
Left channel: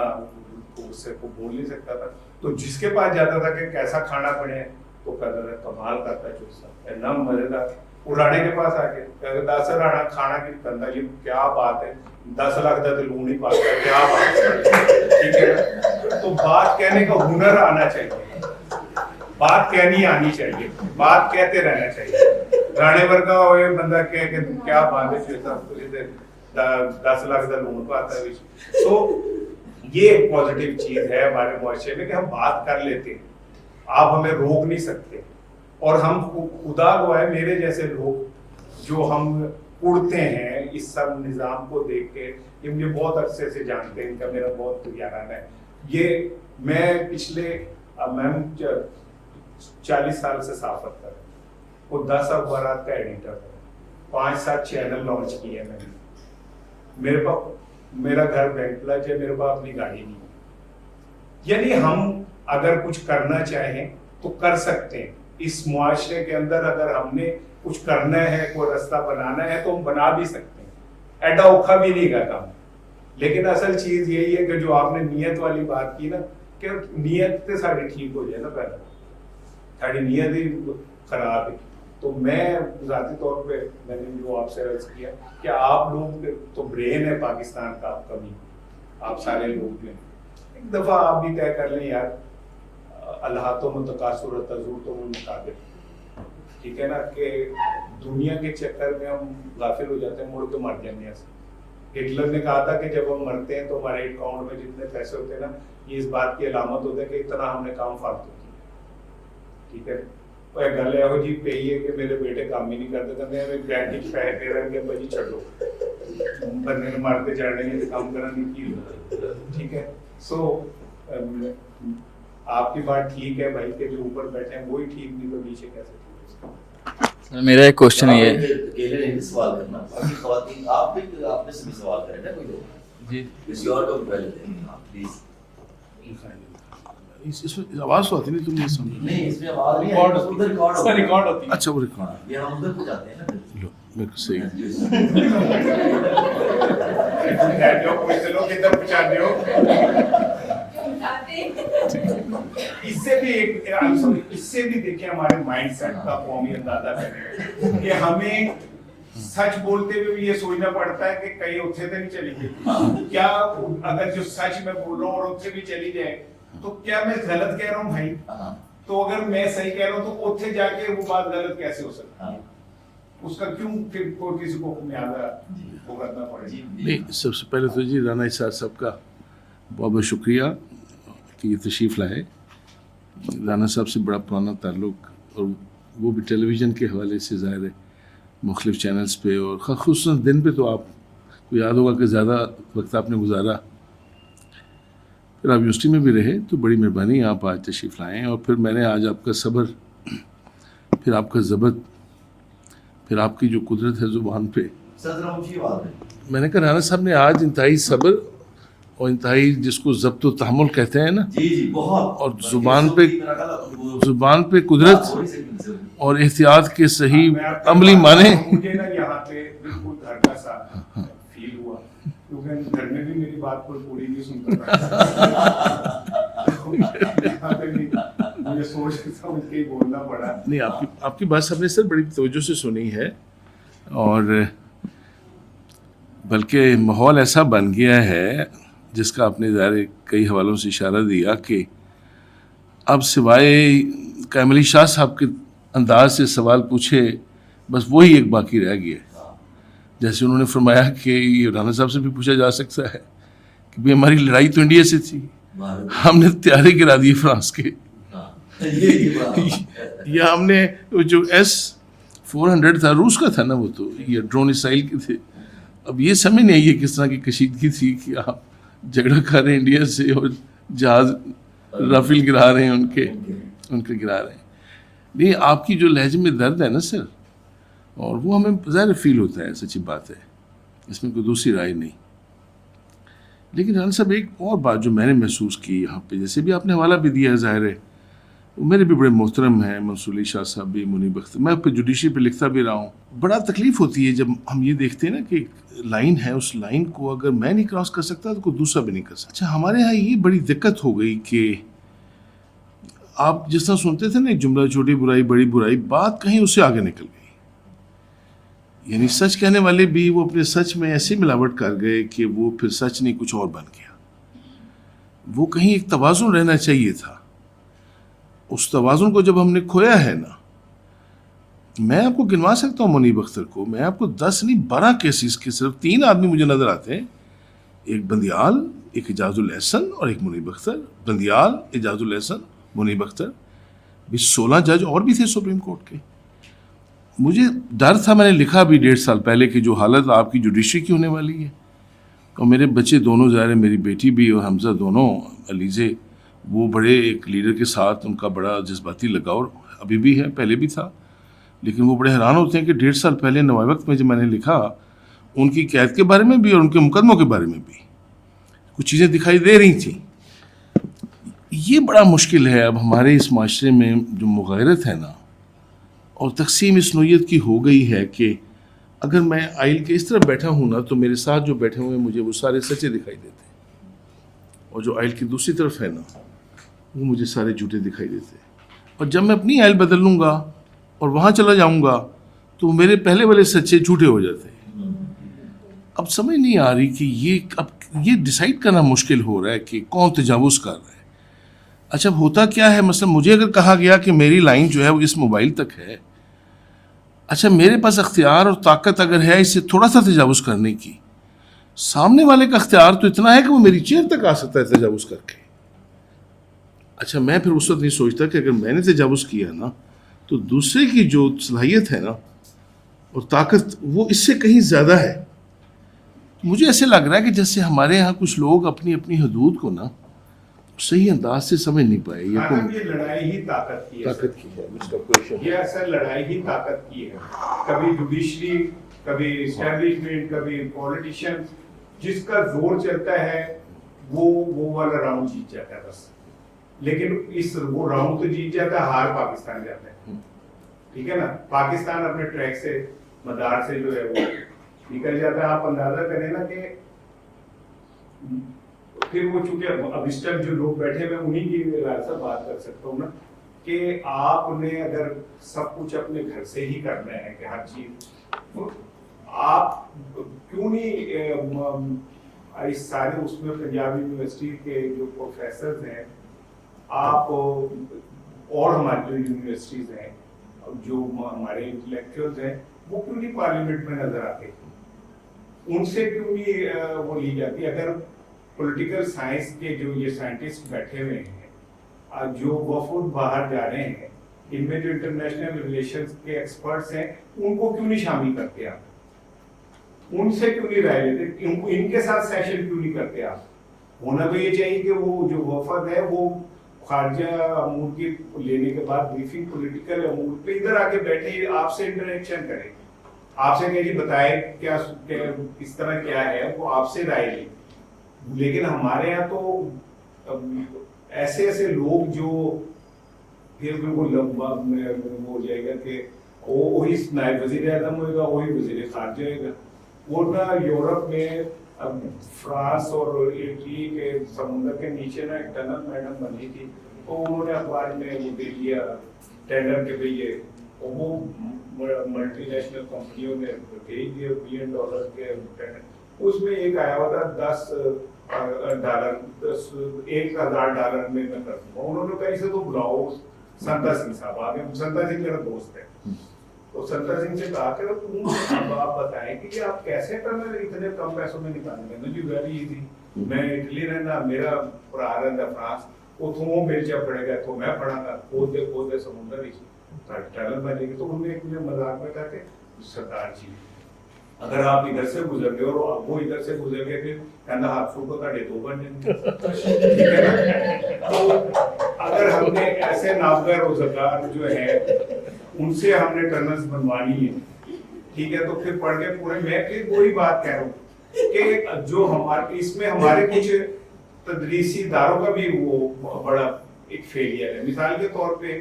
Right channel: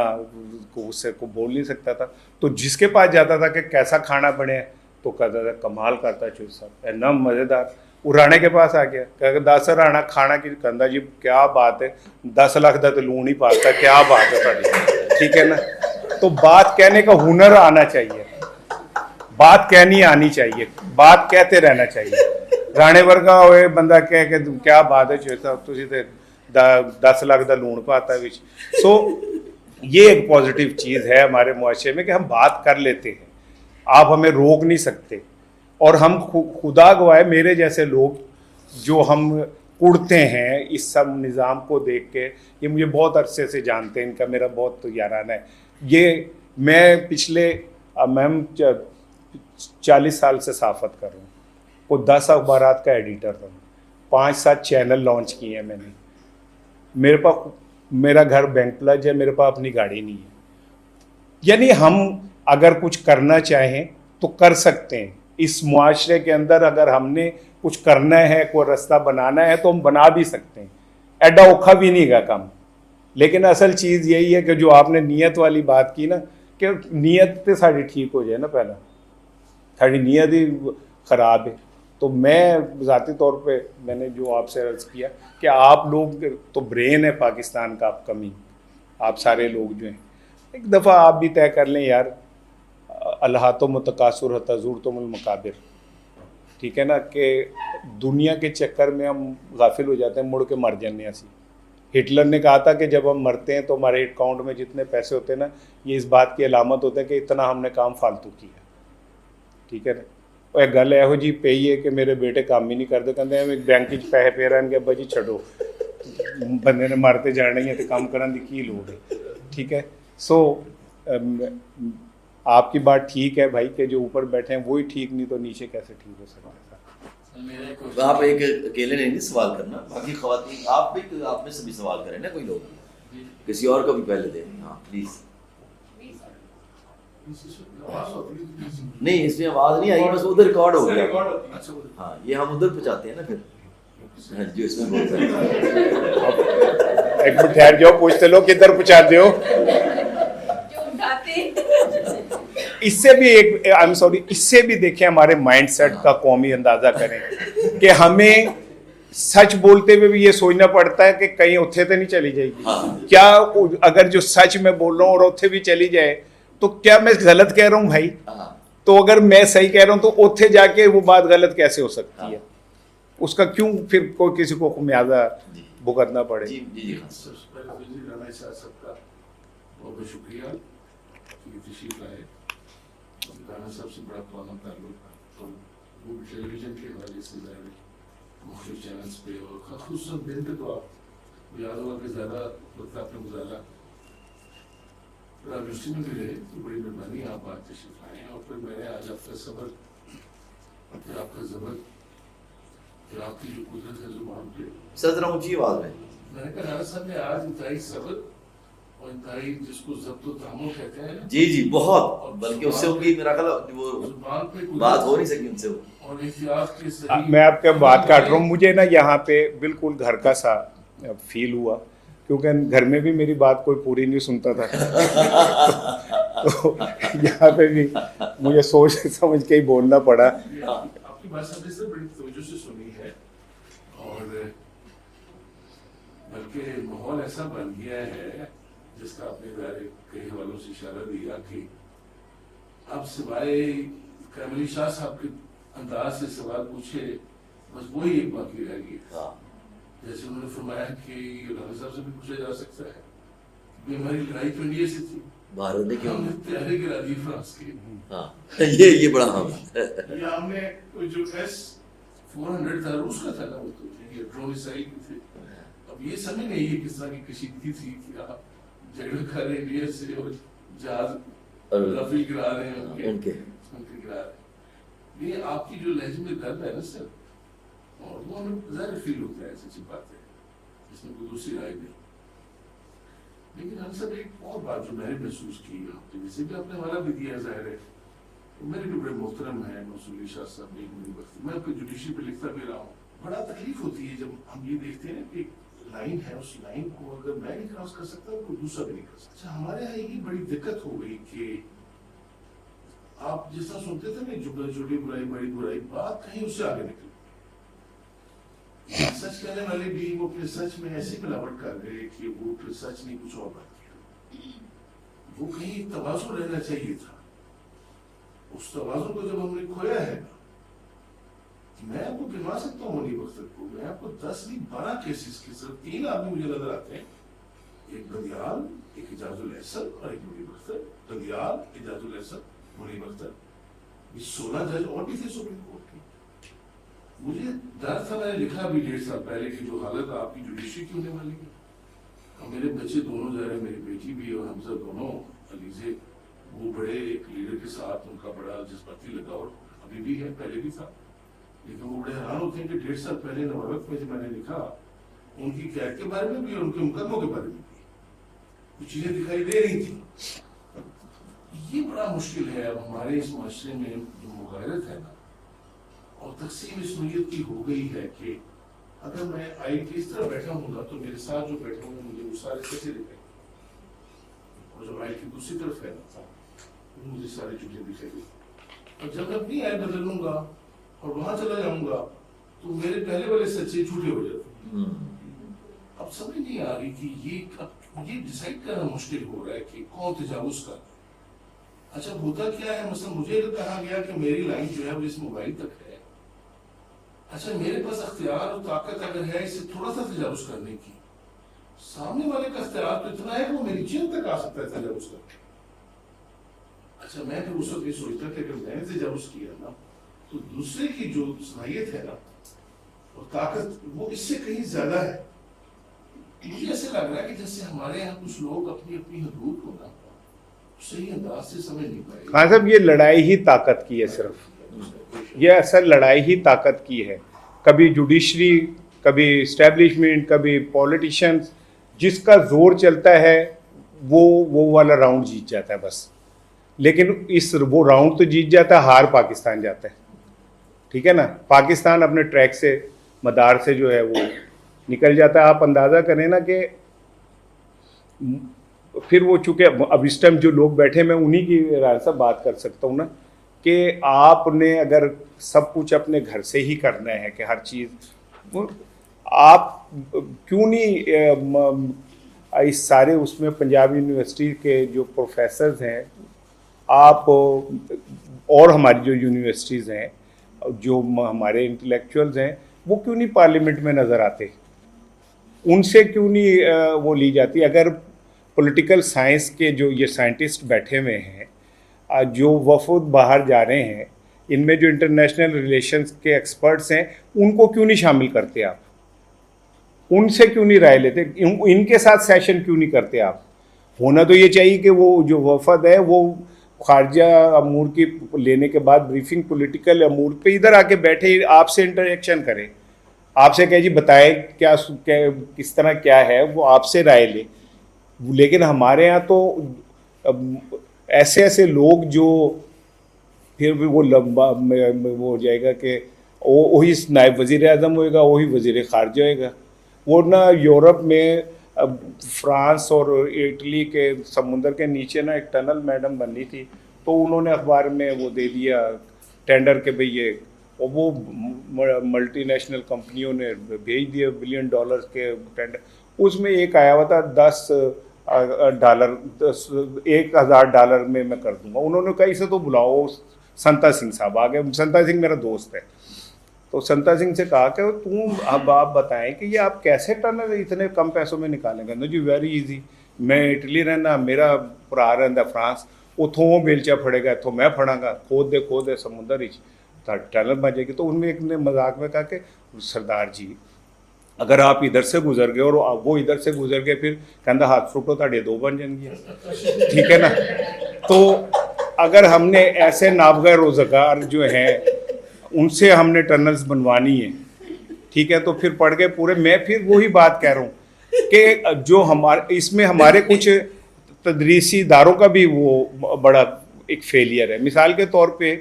اس سے کو بول نہیں سکتا تھا, تو جس کے پاس جاتا تھا کہ کیسا کھانا بنے تو کہتا تھا کمال کرتا چوسا, اتنا مزیدار. وہ رانے کے پاس آ گیا, کہ دس رانا کھانا کی کہندا جی کیا بات ہے, 10 لاکھ کا تو لون ہی پاستا, کیا بات ہے, ٹھیک ہے نا. تو بات کہنے کا ہنر آنا چاہیے, بات کہنی آنی چاہیے, بات کہتے رہنا چاہیے. رانے ورگا ہوئے بندہ کہہ کہ تم کیا بات ہے چوسا, تسی تے 10 لاکھ کا لون پاتا ہے. سو یہ ایک پازیٹیو چیز ہے ہمارے معاشرے میں کہ ہم بات کر لیتے ہیں, آپ ہمیں روک نہیں سکتے. اور ہم خدا گواہ میرے جیسے لوگ جو ہم اڑتے ہیں اس سب نظام کو دیکھ کے, یہ مجھے بہت عرصے سے جانتے ہیں, ان کا میرا بہت یارانہ ہے. یہ میں پچھلے میم 40 سال سے صحافت کر رہا ہوں, وہ 10 اخبارات کا ایڈیٹر تھا, 5-7 چینل لانچ کیے ہیں میں نے. میرے پاس میرا گھر بینک پلج ہے, میرے پاس اپنی گاڑی نہیں ہے. یعنی ہم اگر کچھ کرنا چاہیں تو کر سکتے ہیں. اس معاشرے کے اندر اگر ہم نے کچھ کرنا ہے, کوئی رستہ بنانا ہے تو ہم بنا بھی سکتے ہیں. ایڈا اوکھا بھی نہیں گا کام. لیکن اصل چیز یہی ہے کہ جو آپ نے نیت والی بات کی نا, کہ نیت تو ساری ٹھیک ہو جائے نا, پہلے ساری نیت ہی خراب ہے. تو میں ذاتی طور پہ میں نے جو آپ سے عرض کیا کہ آپ لوگ تو برین ہے پاکستان کا, آپ کمی, آپ سارے لوگ جو ہیں, ایک دفعہ آپ بھی طے کر لیں یار, اللہ تو متقاصر تزور تم المقابر, ٹھیک ہے نا, کہ دنیا کے چکر میں ہم غافل ہو جاتے ہیں, مڑ کے مر جانے ہیں. ہٹلر نے کہا تھا کہ جب ہم مرتے ہیں تو ہمارے اکاؤنٹ میں جتنے پیسے ہوتے ہیں نا, یہ اس بات کی علامت ہوتے ہیں کہ اتنا ہم نے کام فالتو کیا, ٹھیک ہے. اور ایک گل یہو جی پی ہے کہ میرے بیٹے کام ہی نہیں کرتے, کہتے بینک پیسے پے رہن گے, ابا جی چھڈو, بندے نے مارتے جانے ہیں تو کام کرنے کی لوڑ ہے, ٹھیک ہے. سو آپ کی بات ٹھیک ہے بھائی, کہ جو اوپر بیٹھے ہیں وہی ٹھیک, نہیں تو نیچے کیسے ٹھیک ہو سکتا ہے. میرا ایک کوشچن یہ ہے, اکیلے نہیں سوال کرنا, باقی خواتین آپ میں سے بھی سوال کریں نا, کوئی لوگ جی کسی اور کو بھی پہلے دیں. ہاں پلیز. اس میں آواز تو آتی نہیں, تم نہیں سمجھ نہیں, اس میں آواز نہیں آئی, بس ادھر ریکارڈ ہوگا. ریکارڈ ہوتی ہے. اچھا وہ ہاں, یہ ہم ادھر پہنچاتے ہیں نا پھر. صحیح. ایک ٹھہر جاؤ, پوچھتے لو کدھر پہنچاتے ہو. اس سے بھی ایک آئی ایم سوری, اس سے بھی دیکھیں ہمارے مائنڈ سیٹ کا قومی اندازہ کریں کہ ہمیں سچ بولتے ہوئے بھی یہ سوچنا پڑتا ہے کہ کہیں اتھے تو نہیں چلی جائے گی کیا. اگر جو سچ میں بول رہا ہوں اور اتھے بھی چلی جائے تو کیا میں غلط کہہ رہا ہوں بھائی؟ تو اگر میں صحیح کہہ رہا ہوں تو اتھے جا کے وہ بات غلط کیسے ہو سکتی ہے؟ اس کا کیوں پھر کوئی کسی کو خمیازہ بھگتنا پڑے؟ سب سے پہلے تو جی رانا اسحاق صاحب کا بہت بہت شکریہ کہ یہ تشریف لائے. رانا صاحب سے بڑا پرانا تعلق, اور وہ بھی ٹیلی ویژن کے حوالے سے ظاہر ہے مختلف چینلز پہ, اور خصوصاً دن پہ تو آپ کو یاد ہوگا کہ زیادہ وقت آپ نے گزارا. پھر آپ یونیورسٹی میں بھی رہے, تو بڑی مہربانی آپ آج تشریف لائیں. اور پھر میں نے آج آپ کا صبر, پھر آپ کا ضبط, پھر آپ کی جو قدرت ہے زبان پہ, صدر اونچی آواز میں میں نے کہا رانا صاحب نے آج انتہائی صبر اور انتہائی جس کو ضبط و تحمل کہتے ہیں نا, جی بہت, اور زبان پہ قدرت اور احتیاط کے صحیح عملی معنی. مجھے نا یہاں پہ بالکل گھر کا سا فیل ہوا, کیونکہ گھر میں بھی میری بات کوئی پوری نہیں سنتا تھا, تو یہاں پہ بھی مجھے سوچ سمجھ کے ہی بولنا پڑا. نہیں, آپ کی بات سب نے سر بڑی توجہ سے سنی ہے, اور بلکہ ماحول ایسا بن گیا ہے جس کا آپ نے ظاہر کئی حوالوں سے اشارہ دیا کہ اب سوائے کامل علی شاہ صاحب کے انداز سے سوال پوچھے بس وہی ایک باقی رہ گیا. جیسے انہوں نے فرمایا کہ یہ رانا صاحب سے بھی پوچھا جا سکتا ہے کہ بھئی ہماری لڑائی تو انڈیا سے تھی, ہم نے تیاری کرا دی فرانس کے, یا ہم نے جو S-400 تھا روس کا تھا نا, وہ تو یہ ڈرون اسرائیل کے تھے. اب یہ سمجھ نہیں آئی ہے کس طرح کی کشیدگی تھی کہ آپ جھگڑا کر رہے ہیں انڈیا سے اور جہاز رافیل گرا رہے ہیں ان کے گرا رہے ہیں. نہیں, آپ کی جو لہجے میں درد ہے نا سر, اور وہ ہمیں ظاہر فیل ہوتا ہے, سچی بات ہے, اس میں کوئی دوسری رائے نہیں. لیکن رانا صاحب ایک اور بات جو میں نے محسوس کی یہاں پہ، جیسے بھی آپ نے حوالہ بھی دیا ہے، ظاہر ہے میرے بھی بڑے محترم ہیں، منصور علی شاہ صاحب بھی، منیب اختر، میں پہ جوڈیشری پہ لکھتا بھی رہا ہوں. بڑا تکلیف ہوتی ہے جب ہم یہ دیکھتے ہیں نا کہ لائن ہے، اس لائن کو اگر میں نہیں کراس کر سکتا تو کوئی دوسرا بھی نہیں کر سکتا. اچھا ہمارے یہاں یہ بڑی دقت ہو گئی کہ آپ جس طرح سنتے تھے نا ایک جملہ، چھوٹی برائی بڑی برائی، بات کہیں اس سے آگے نکل گئی. یعنی سچ کہنے والے بھی وہ اپنے سچ میں ایسی ملاوٹ کر گئے کہ وہ پھر سچ نہیں کچھ اور بن گیا. وہ کہیں ایک توازن رہنا چاہیے تھا. اس توازن کو جب ہم نے کھویا ہے نا، میں آپ کو گنوا سکتا ہوں منیب اختر کو، میں آپ کو 10 نہیں 12 کیسز کے صرف 3 آدمی مجھے نظر آتے ہیں، ایک بندیال، ایک اعجاز الاحسن اور ایک منیب اختر. بندیال، اعجاز الاحسن، منیب اختر، 16 جج اور بھی تھے سپریم کورٹ کے. مجھے ڈر تھا، میں نے لکھا بھی 1.5 سال پہلے کہ جو حالت آپ کی جوڈیشری کی ہونے والی ہے، اور میرے بچے دونوں ظاہر ہے، میری بیٹی بھی اور حمزہ دونوں، علیزے، وہ بڑے ایک لیڈر کے ساتھ ان کا بڑا جذباتی لگاؤ ابھی بھی ہے، پہلے بھی تھا، لیکن وہ بڑے حیران ہوتے ہیں کہ 1.5 سال پہلے نوائے وقت میں جب میں نے لکھا ان کی قید کے بارے میں بھی اور ان کے مقدموں کے بارے میں بھی کچھ چیزیں دکھائی دے رہی تھیں. یہ بڑا مشکل ہے اب ہمارے اس معاشرے میں جو مغایرت ہے نا، اور تقسیم اس نوعیت کی ہو گئی ہے کہ اگر میں آئل کے اس طرف بیٹھا ہوں نا تو میرے ساتھ جو بیٹھے ہوئے ہیں مجھے وہ سارے سچے دکھائی دیتے ہیں، اور جو آئل کی دوسری طرف ہے نا وہ مجھے سارے جھوٹے دکھائی دیتے ہیں. اور جب میں اپنی آئل بدل لوں گا اور وہاں چلا جاؤں گا تو میرے پہلے والے سچے جھوٹے ہو جاتے ہیں. اب سمجھ نہیں آ رہی کہ یہ ڈیسائیڈ کرنا مشکل ہو رہا ہے کہ کون تجاوز کر رہا ہے. اچھا ہوتا کیا ہے، مثلا مجھے اگر کہا گیا کہ میری لائن جو ہے وہ اس موبائل تک ہے، اچھا میرے پاس اختیار اور طاقت اگر ہے اس سے تھوڑا سا تجاوز کرنے کی، سامنے والے کا اختیار تو اتنا ہے کہ وہ میری چیئر تک آ سکتا ہے تجاوز کر کے. اچھا میں پھر اس وقت نہیں سوچتا کہ اگر میں نے تجاوز کیا نا تو دوسرے کی جو صلاحیت ہے نا اور طاقت وہ اس سے کہیں زیادہ ہے. مجھے ایسے لگ رہا ہے کہ جیسے ہمارے یہاں کچھ لوگ اپنی اپنی حدود کو نا صحیح انداز سے سمجھ نہیں پائے. مطلب یہ لڑائی ہی طاقت کی ہے سر، یہ اصل لڑائی ہی طاقت کی ہے. کبھی جوڈیشری، کبھی اسٹیبلشمنٹ، کبھی پولیٹیشینز، جس کا زور چلتا ہے وہ والا راؤنڈ جیت جاتا ہے بس. لیکن وہ راؤنڈ تو جیت جاتا ہے، ہار پاکستان جاتا ہے. ٹھیک ہے نا، پاکستان اپنے ٹریک سے، مدار سے جو ہے وہ نکل جاتا ہے. آپ اندازہ کریں نا کہ پھر وہ چونکہ اب اس ٹائم جو لوگ بیٹھے میں انہی کی رائے سے بات کر سکتا ہوں نا، کہ آپ نے اگر سب کچھ اپنے گھر سے ہی کرنا ہے کہ ہر چیز، آپ کیوں نہیں اس سارے اس میں پنجاب یونیورسٹی کے جو پروفیسرز ہیں، آپ اور ہماری جو یونیورسٹیز ہیں، جو ہمارے انٹلیکچوئلز ہیں، وہ کیوں نہیں پارلیمنٹ میں نظر آتے؟ ان سے کیوں نہیں وہ لی جاتی؟ اگر پولیٹیکل سائنس کے جو یہ سائنٹسٹ بیٹھے ہوئے ہیں، جو وفود باہر جا رہے ہیں، ان میں جو انٹرنیشنل ریلیشنز کے ایکسپرٹس ہیں، ان کو کیوں نہیں شامل کرتے آپ؟ ان سے کیوں نہیں رائے لیتے؟ ان کے ساتھ سیشن کیوں نہیں کرتے آپ؟ ہونا تو یہ چاہیے کہ وہ جو وفد ہے وہ خارجہ امور کی لینے کے بعد بریفنگ پولیٹیکل امور پہ ادھر آ کے بیٹھے، آپ سے انٹریکشن کرے، آپ سے کہ جی بتائیں کیا کس طرح کیا ہے، وہ آپ سے رائے لے. لیکن ہمارے ہاں تو ایسے لوگ جو پھر بھی وہ لمبا وہ ہو جائے گا کہ وہی نائب وزیر اعظم ہوئے گا، وہی وزیر خارجہ ہوئے گا. ورنہ یورپ میں فرانس اور اٹلی کے سمندر کے نیچے نا ایک ٹنل میڈم بنی تھی، تو انہوں نے اخبار میں وہ دے دیا ٹینڈر کہ بھئی یہ، وہ ملٹی نیشنل کمپنیوں نے بھیج دیا $1 بلین کے ٹینڈر. اس میں ایک آیا ہوا تھا $10 $1,000 میں کر دوں گا. انہوں نے کہا اسے تو بلاؤ، سنتا سنگھ صاحب آ گئے. سنتا سنگھ میرا دوست ہے، تو سنتا سنگھ سے کہا کہ اب آپ بتائیں کہ یہ آپ کیسے ٹنل اتنے کم پیسوں میں نکالیں گے؟ جی ویری ایزی، میں اٹلی رہنا، میرا بھرا رہتا فرانس، اتوں بیلچا پڑے گا، اتوں میں پڑا گا، کھود دے سمندر ٹنل بن جائے گی. تو ان میں ایک نے مذاق میں کہا کہ سردار جی اگر آپ ادھر سے گزر گئے اور وہ ادھر سے گزر گئے، پھر کہنا ہاتھ فوٹو تھے 2 بن جائیں گے. ٹھیک ہے نا. تو اگر ہم نے ایسے نابغہ روزگار جو ہیں ان سے ہم نے ٹنلز بنوانی ہے، ٹھیک ہے، تو پھر پڑ گئے پورے. میں پھر وہی بات کہہ رہا ہوں کہ جو ہمارے اس میں ہمارے کچھ تدریسی اداروں کا بھی وہ بڑا ایک فیلئر ہے. مثال کے طور پہ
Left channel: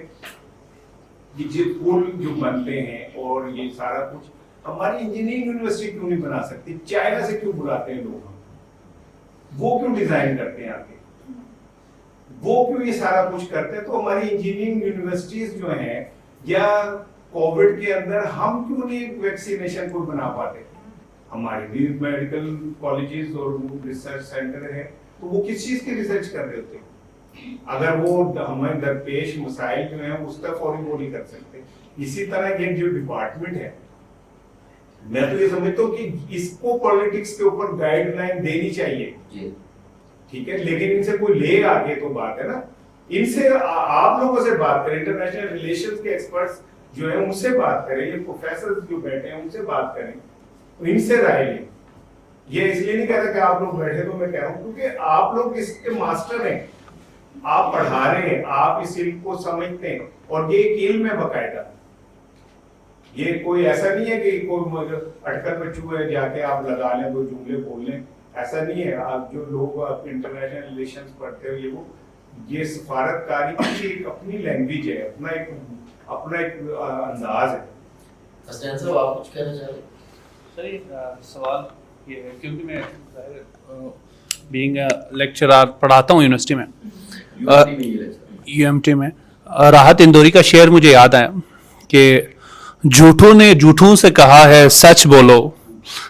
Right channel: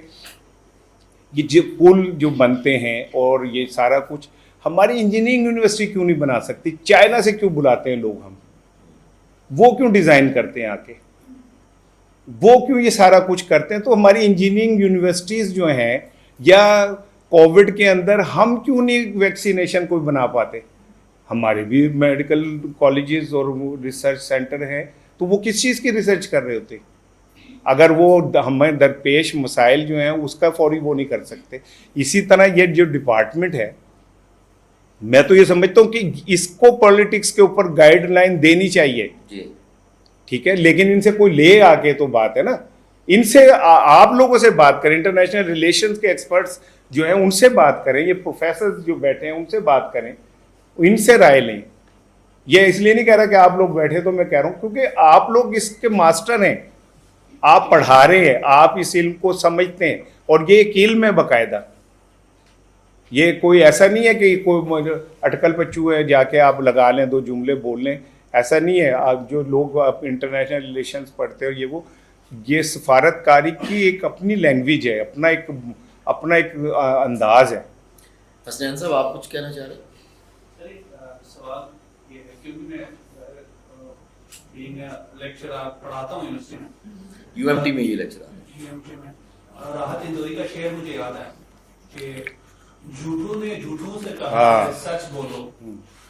یہ جو پل جو بنتے ہیں اور یہ سارا کچھ ہماری انجینئرنگ یونیورسٹی کیوں نہیں بنا سکتی؟ چائنا سے کیوں بلاتے ہیں لوگ ہم؟ وہ کیوں ڈیزائن کرتے ہیں آ کے؟ وہ کیوں یہ سارا کچھ کرتے ہیں؟ تو ہماری انجینئرنگ یونیورسٹیز جو ہیں, یا کووڈ کے اندر ہم کیوں نہیں ویکسینیشن کو بنا پاتے؟ ہمارے بھی میڈیکل کالجز اور ریسرچ سینٹر ہیں, تو وہ کس چیز کی ریسرچ کر رہے ہوتے؟ اگر وہ ہمیں درپیش مسائل جو ہیں اس کا فوری وہ نہیں کر سکتے. اسی طرح یہ جو ڈپارٹمنٹ ہے, میں تو یہ سمجھتا ہوں کہ اس کو پولیٹکس کے اوپر گائیڈ لائن دینی چاہیے, ٹھیک ہے, لیکن ان سے کوئی لے آ کے تو بات ہے نا, ان سے آپ لوگوں سے بات کریں, انٹرنیشنل ریلیشنز کے ایکسپرٹس جو ہیں ان سے بات کریں, یہ پروفیسرز جو بیٹھے ہیں ان سے بات کریں, ان سے رائے لیں. یہ اس لیے نہیں کہہ رہا کہ آپ لوگ بیٹھے, تو میں کہہ رہا ہوں کیونکہ آپ لوگ اس کے ماسٹر ہیں, آپ پڑھا رہے ہیں, آپ اس علم کو سمجھتے ہیں, اور یہ ایک علم ہے باقاعدہ. یہ کوئی ایسا نہیں ہے کہ کوئی اٹکل پچو ہے جا کے آپ لگا لیں, دو جملے بول لیں, ایسا نہیں ہے. آپ جو لوگ انٹرنیشنل ریلیشنز پڑھتے ہیں یہ سفارت کاری کی ایک اپنی لینگویج ہے, اپنا ایک انداز ہے. حسنین صاحب آپ کچھ کہنا چاہ رہے ہیں؟ سوال یہ ہے کیونکہ میں بینگ لیکچرار پڑھاتا ہوں یونیورسٹی میں, UMT میں. راحت اندوری کا شعر مجھے یاد آیا کہ جھوٹوں نے جھوٹوں سے کہا ہے سچ بولو,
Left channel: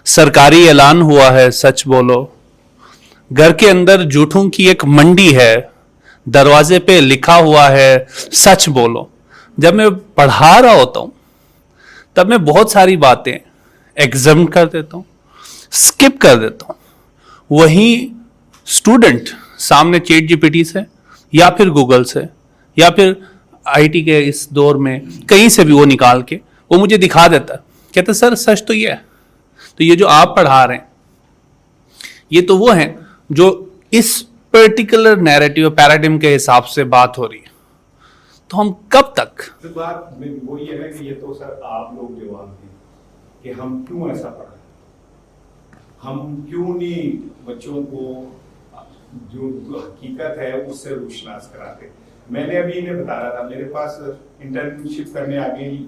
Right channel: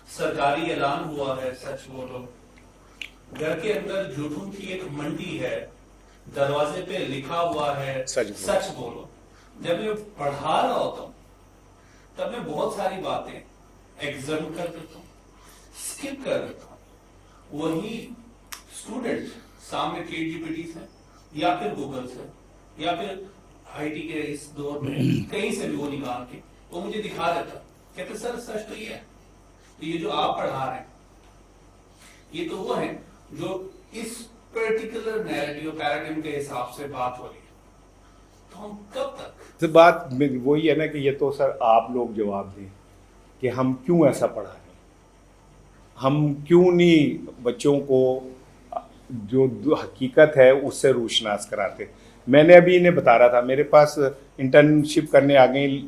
سرکاری اعلان ہوا ہے سچ بولو, گھر کے اندر جھوٹوں کی ایک منڈی ہے, دروازے پہ لکھا ہوا ہے سچ بولو. جب میں پڑھا رہا ہوتا ہوں تب میں بہت ساری باتیں ایگزم کر دیتا ہوں, اسکپ کر دیتا ہوں. وہیں اسٹوڈنٹ سامنے چیٹ GPT سے یا پھر گوگل سے یا پھر IT کے اس دور میں کہیں سے بھی وہ نکال کے وہ مجھے دکھا دیتا ہے, کہتا سر سچ تو یہ ہے. تو یہ جو آپ پڑھا رہے ہیں یہ تو وہ ہیں جو اس پرٹیکولر نیریٹیو پیراڈائم کے حساب سے بات ہو رہی ہے. تو ہم کب تک بات وہی ہے نا کہ یہ تو سر آپ لوگ جواب دیں کہ ہم کیوں ایسا پڑھا رہے ہیں, ہم کیوں نہیں بچوں کو جو حقیقت ہے اس سے روشناس کراتے. میں نے ابھی انہیں بتا رہا تھا, میرے پاس انٹرنشپ کرنے آ گئی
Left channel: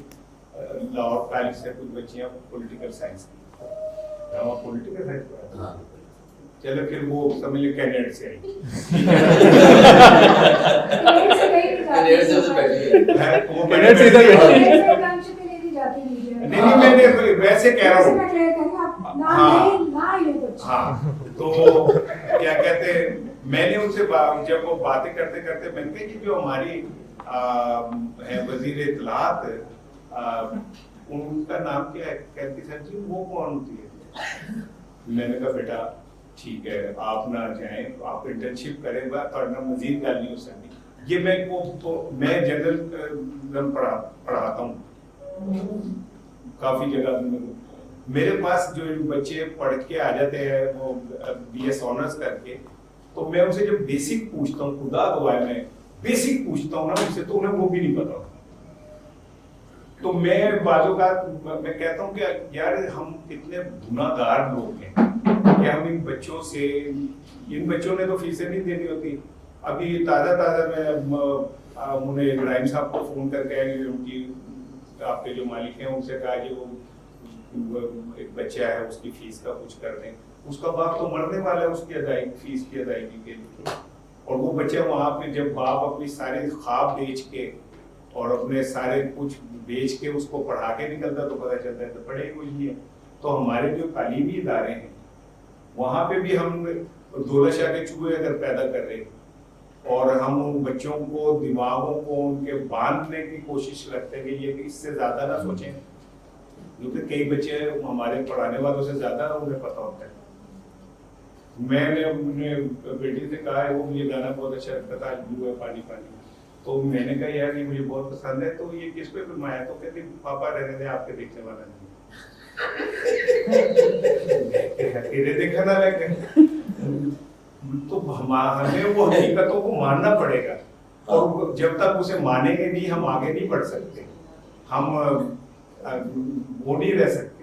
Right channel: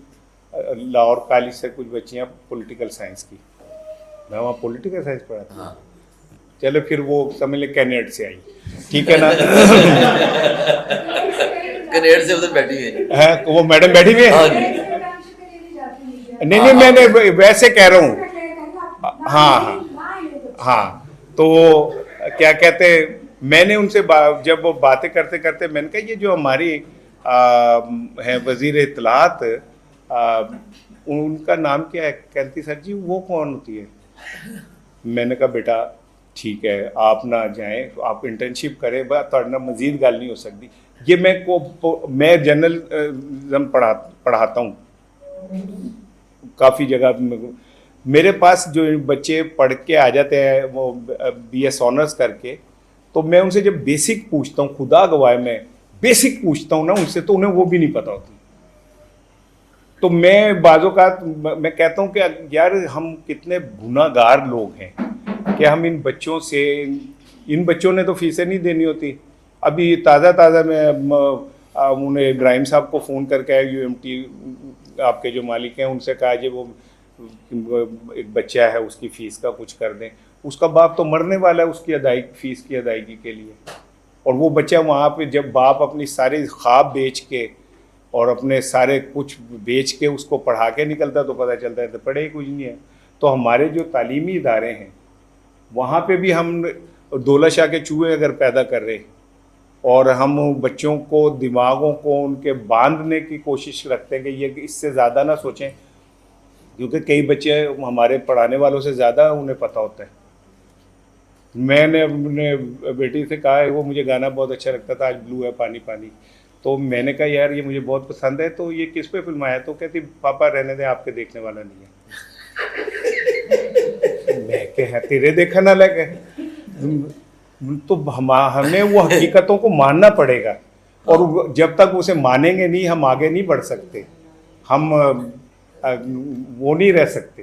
لاہور کالج سے کچھ بچیاں پولیٹیکل سائنس کی, میں وہاں پولیٹیکل سائنس پڑھا تھا. چلو پھر وہ سمجھ لیں کینیڈا سے آئی, ٹھیک ہے نا, کینیڈا سے ادھر بیٹھی گئی, وہ میڈم بیٹھی تھی. نہیں میں نے ویسے کہہ رہا ہوں. ہاں تو کیا کہتے, میں نے ان سے جب وہ باتیں کرتے کرتے میں نے کہا یہ جو ہماری ہے وزیر اطلاعات, ان کا نام کیا ہے؟ کہتی سر جی وہ کون ہوتی ہے؟ میں نے کہا بیٹا ٹھیک ہے آپ نہ جائیں, آپ انٹرنشپ کریں, تھوڑا مزید گل نہیں ہو سکتی. یہ میں جرنلزم پڑھاتا ہوں کافی جگہ. میرے پاس جو بچے پڑھ کے آ جاتے ہیں وہ BS آنرس کر کے, تو میں ان سے جب بیسک پوچھتا ہوں, خدا گواہ میں بیسک پوچھتا ہوں نا ان سے, تو انہیں وہ بھی نہیں پتا ہوتا. تو میں بعض اوقات میں کہتا ہوں کہ یار ہم کتنے گناہ گار لوگ ہیں کہ ہم ان بچوں سے, ان بچوں نے تو فیسیں نہیں دینی ہوتی. ابھی تازہ میں انہیں ابراہیم صاحب کو فون کر کے UMT آپ کے جو مالک ہیں ان سے کہا جی وہ ایک بچہ ہے اس کی فیس کا کچھ کر دیں. اس کا باپ تو مرنے والا ہے اس کی فیس کی ادائیگی کے لیے, اور وہ بچہ وہاں پہ جب باپ اپنی ساری خواب بیچ کے اور اپنے سارے کچھ بیچ کے اس کو پڑھا کے نکلتا تو پتہ چلتا ہے تو پڑھے ہی کچھ نہیں ہے. تو ہمارے جو تعلیمی ادارے ہیں وہاں پہ بھی ہم دولہ شاہ کے چوہے اگر پیدا کر رہے اور ہم بچوں کو دماغوں کو ان کے باندھنے کی کوشش رکھتے ہیں کہ یہ اس سے زیادہ نہ سوچیں, کیونکہ کئی بچے ہمارے پڑھانے والوں سے زیادہ انہیں پتہ ہوتا ہے. میں نے اپنے بیٹی سے کہا ہے, وہ مجھے گانا بہت اچھا لگتا تھا آج بلو ہے پانی پانی, تو میں نے کہا یار یہ مجھے بہت پسند ہے, تو یہ کس پہ فلم آیا؟ تو کہتی پاپا رہنے دیں آپ کے دیکھنے والا نہیں ہے. میں کہ تیرے دیکھا نہ لگے, تو ہمیں وہ حقیقتوں کو ماننا پڑے گا, اور جب تک اسے مانیں گے نہیں ہم آگے نہیں بڑھ سکتے, ہم وہ نہیں رہ سکتے.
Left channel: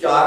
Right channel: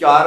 4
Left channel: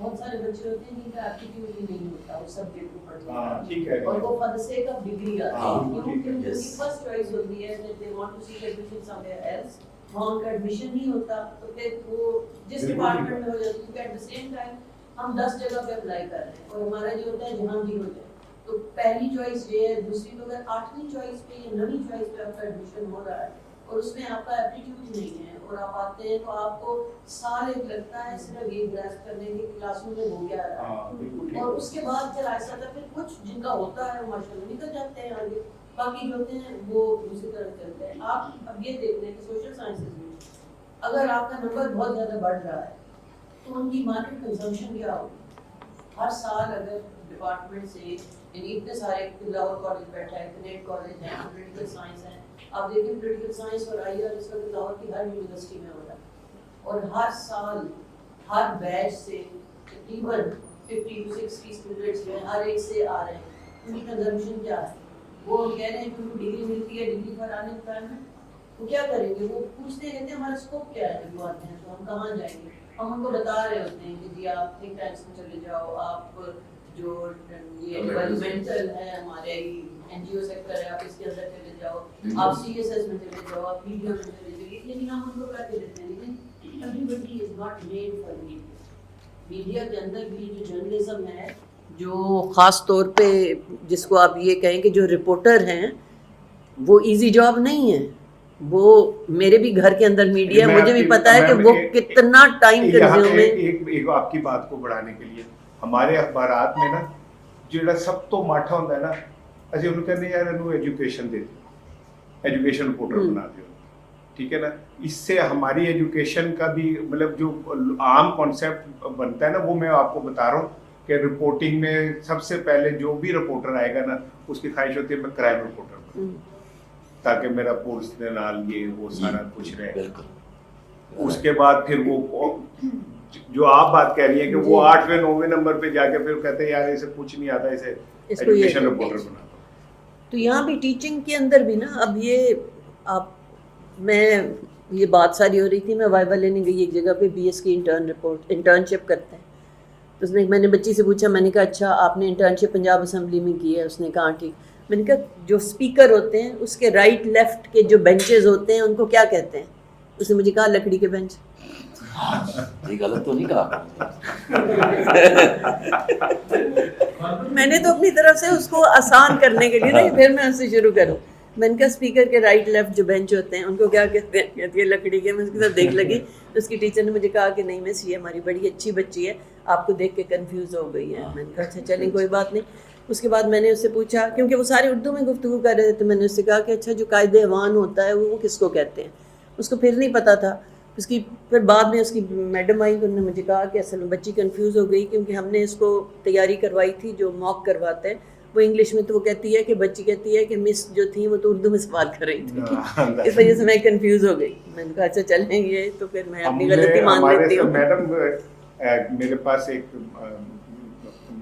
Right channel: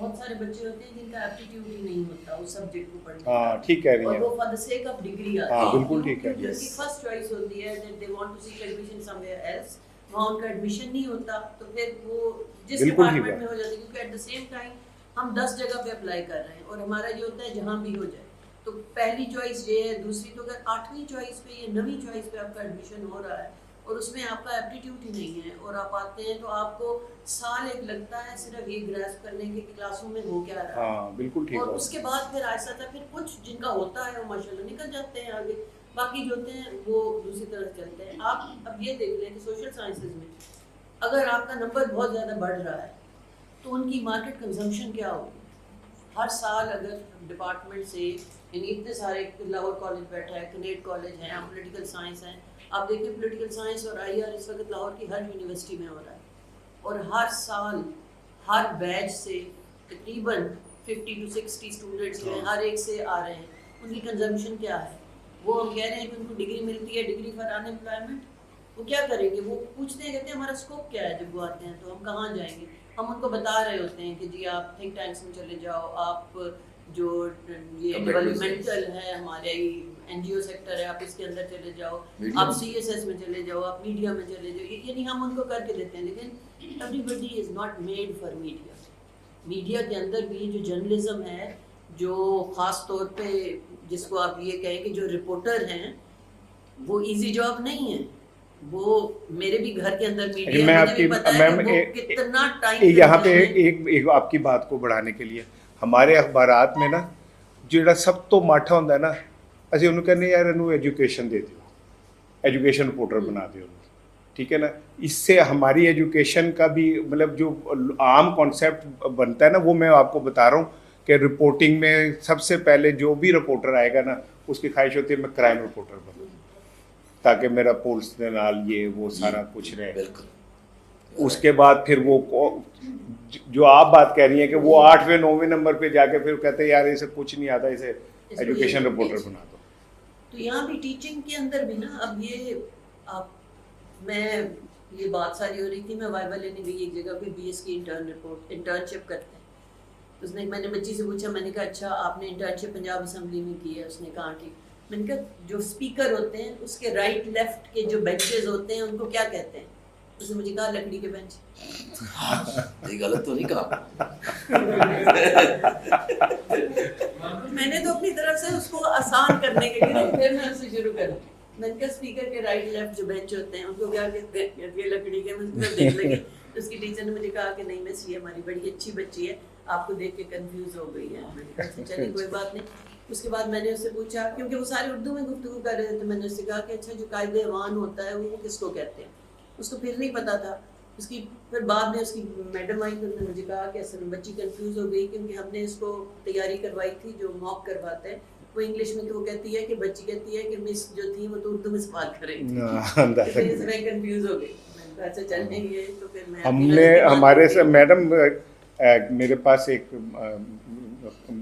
بہت سارے بچے ہوتے ہیں جن کا ایپٹیٹیوڈ ہی نہیں ہوتا اس سبجیکٹ کو پڑھنے ہاں ٹھیک کہہ رہی اور ہیں وہ for the sake of degree آتے ہاں ہیں. بالکل ٹھیک ہے. فرسٹ چوائس ہوتی ہے that they want to seek admission somewhere else, وہاں ان کا ایڈمیشن نہیں ہوتا تو پھر وہ جس ڈپارٹمنٹ میں ہو جاتی ہے کیونکہ ایٹ دا سیم ٹائم ہم 10 جگہ پہ اپلائی کر رہے ہیں اور ہمارا یہ ہوتا ہے جہاں بھی ہو جائے. تو پہلی چوائس یہ ہے, دوسری تو اگر 8ویں چوائس پہ یا 9ویں چوائس پہ آپ کا ایڈمیشن ہو رہا ہے اور اس میں آپ کا ایپٹیٹیوڈ ہی نہیں ہے اور آپ آتے ہیں تو آپ کو سال ایک لگتا ہے صرف یہ گریسپ کرنے کے کلاس روم میں ہو کیا رہا ہے, اور اس کے بعد پھر ایسا تھا پھر کچھ جن کا ہوتا ہے وہ ماشاء اللہ نکل جاتے ہیں آگے, باقی جو ہوتے ہیں وہ دوسری طرف چلتے ہیں. آپ اب یہ دیکھ لیں کہ سوشل سائنسز میں اگر آپ کا نمبر بہت زیادہ بڑھ رہا ہے تو ان کی مارکیٹ کنزمپشن کیا ہوگی. ہر سال اگر ڈپارٹمنٹ سے یعنی اتنے سارے لاہور کالج بیٹھا ہے, کنیٹ کالج ہے, پولیٹیکل سائنس ہیں, آپ دیکھیں پولیٹیکل سائنس اور آئی آر اس وقت لاہور کی ہر یونیورسٹی میں ہو رہا ہے اور ہر سال ہر بیچ سے تقریباً 50 to 60 اسٹوڈنٹس جو ہیں ہر ایک سے آ رہے ہیں. ان کی کنزمپشن کیا ہے, وہ کہہ رہے ہیں کہ ان کو ڈگری ملتی ہے, ڈگری فار ان امپلائمنٹ, وہ کیا کریں گے, وہ پوچھتے ہیں کہتے ہیں ہمارا اسکوپ کیا ہے, جب وہ آتے ہیں تو ہم کہاں جائیں گے. ہم ان کو بتا رہے ہوتے ہیں کہ جی آپ تھنک ٹینکس میں چلے جاؤ, آپ جو یہ ڈیولپمنٹل ہے ہمارے این جی او سیکٹر ہے آپ اس کے اندر چلے جاؤ, آپ سی ایس ایس میں چلے جاؤ, آپ میڈیا میں چلے جاؤ, یعنی ہم ان کو کر کے دیتے ہیں. لیکن everybody is not made for media. Media کے اندر بھی جو جرنلزم ہے, جو خاص طور پہ جس کو آپ یہ کہیں کہ جو رپورٹر ہیں, وہ ایزی جاب نہیں ہے. وہ میرے بھی گھر کے اندر میڈیا, مجھے بھی پتا ہے کہ وہ کتنا ٹائم ایک آپ کی بات کو بڑھانے کے لیے ہمارے اخبارات میں نا جڑا سب تو ماٹھا ہوتا ہے نا, اسی انہوں کہنے یار انہوں ایجوکیشن دے دو, ایجوکیشن رپورٹر بنا دو, ٹھیک ہے نا. اس سے ہماری ایجوکیشن کا بھی مطلب جو عام کانسیپٹ بنتا ہے نا, وہ میں آپ کو بتا رہا ہوں کہ رپورٹنگ میں سب سے پہلے جو بھی رپورٹر آئے گا نا اس کی خواہش ہوتی ہے میں کرائم رپورٹر بنوں تاکہ میرا پولیس کے نال یہ وہ سارا کچھ رہے. اس کے بعد پھر وہ جو آپ بات کہہ رہی ہیں کہ وہ 8ویں 9ویں نمبر پہ جا کے پھر کہتے ہیں یار اسے کچھ نہیں آتا, اسے ایجوکیشن رپورٹر بنا دو. تو یہاں بھی ٹیچنگ کے اندر بھی نا اب یہ آپ میں یہ بات ساری ہو رہی تھی, میں وائبا لینے گئی ایک جگہ پہ, بی ایس کی انٹرنشپ کرتے ہیں. تو اس میں نے بچی سے پوچھا, میں نے کہا اچھا آپ نے انٹرنشپ پنجاب اسمبلی میں کی ہے؟ اس نے کہا ٹھیک. میں نے کہا جو اسپیکر ہوتے ہیں اس کے رائٹ لیفٹ کے جو بینچز ہوتے ہیں ان کو کیا کہتے ہیں؟ اس نے مجھے کہا لکڑی کے بینچ. غلط تو نہیں کہا. میں نے تو اپنی طرف سے اس کو آسان کرنے کے لیے پھر میں اس سے شروع کروں. میں نے کہا اسپیکر کے رائٹ لیفٹ جو بینچ ہوتے ہیں ان کو کیا کہتے ہیں؟ کہتی ہے لکڑی کے. میں اس کی طرف دیکھ لگی, اس کی ٹیچر نے مجھے کہا کہ نہیں مس یہ ہماری بڑی اچھی بچی ہے, آپ کو دیکھ کے کنفیوز ہو گئی ہے. میں نے کہا اچھا چلیں کوئی بات نہیں. اس کے بعد میں نے اس سے پوچھا, کیونکہ وہ سارے اردو میں گفتگو کر رہے تھے, تو میں نے اس سے کہا کہ اچھا جو قائد ایوان ہوتا ہے وہ کس کو کہتے ہیں؟ اس کو پھر نہیں پتا تھا. اس کی پھر بعد میں اس کی میڈم آئی تو انہوں نے مجھے کہا کہ اصل میں بچی کنفیوز ہو گئی کیونکہ ہم نے اس کو تیاری کروائی تھی جو موک کرواتے ہیں وہ انگلش میں, تو وہ کہتی ہے کہ بچی کہتی ہے کہ مس جو تھی وہ تو اردو میں سوال کر رہی تھی, اس وجہ سے میں کنفیوز ہو گئی. میں نے کہا اچھا چلیں گے. تو پھر میں اپنی غلطی مان لیتی ہوں. میڈم میرے پاس ایک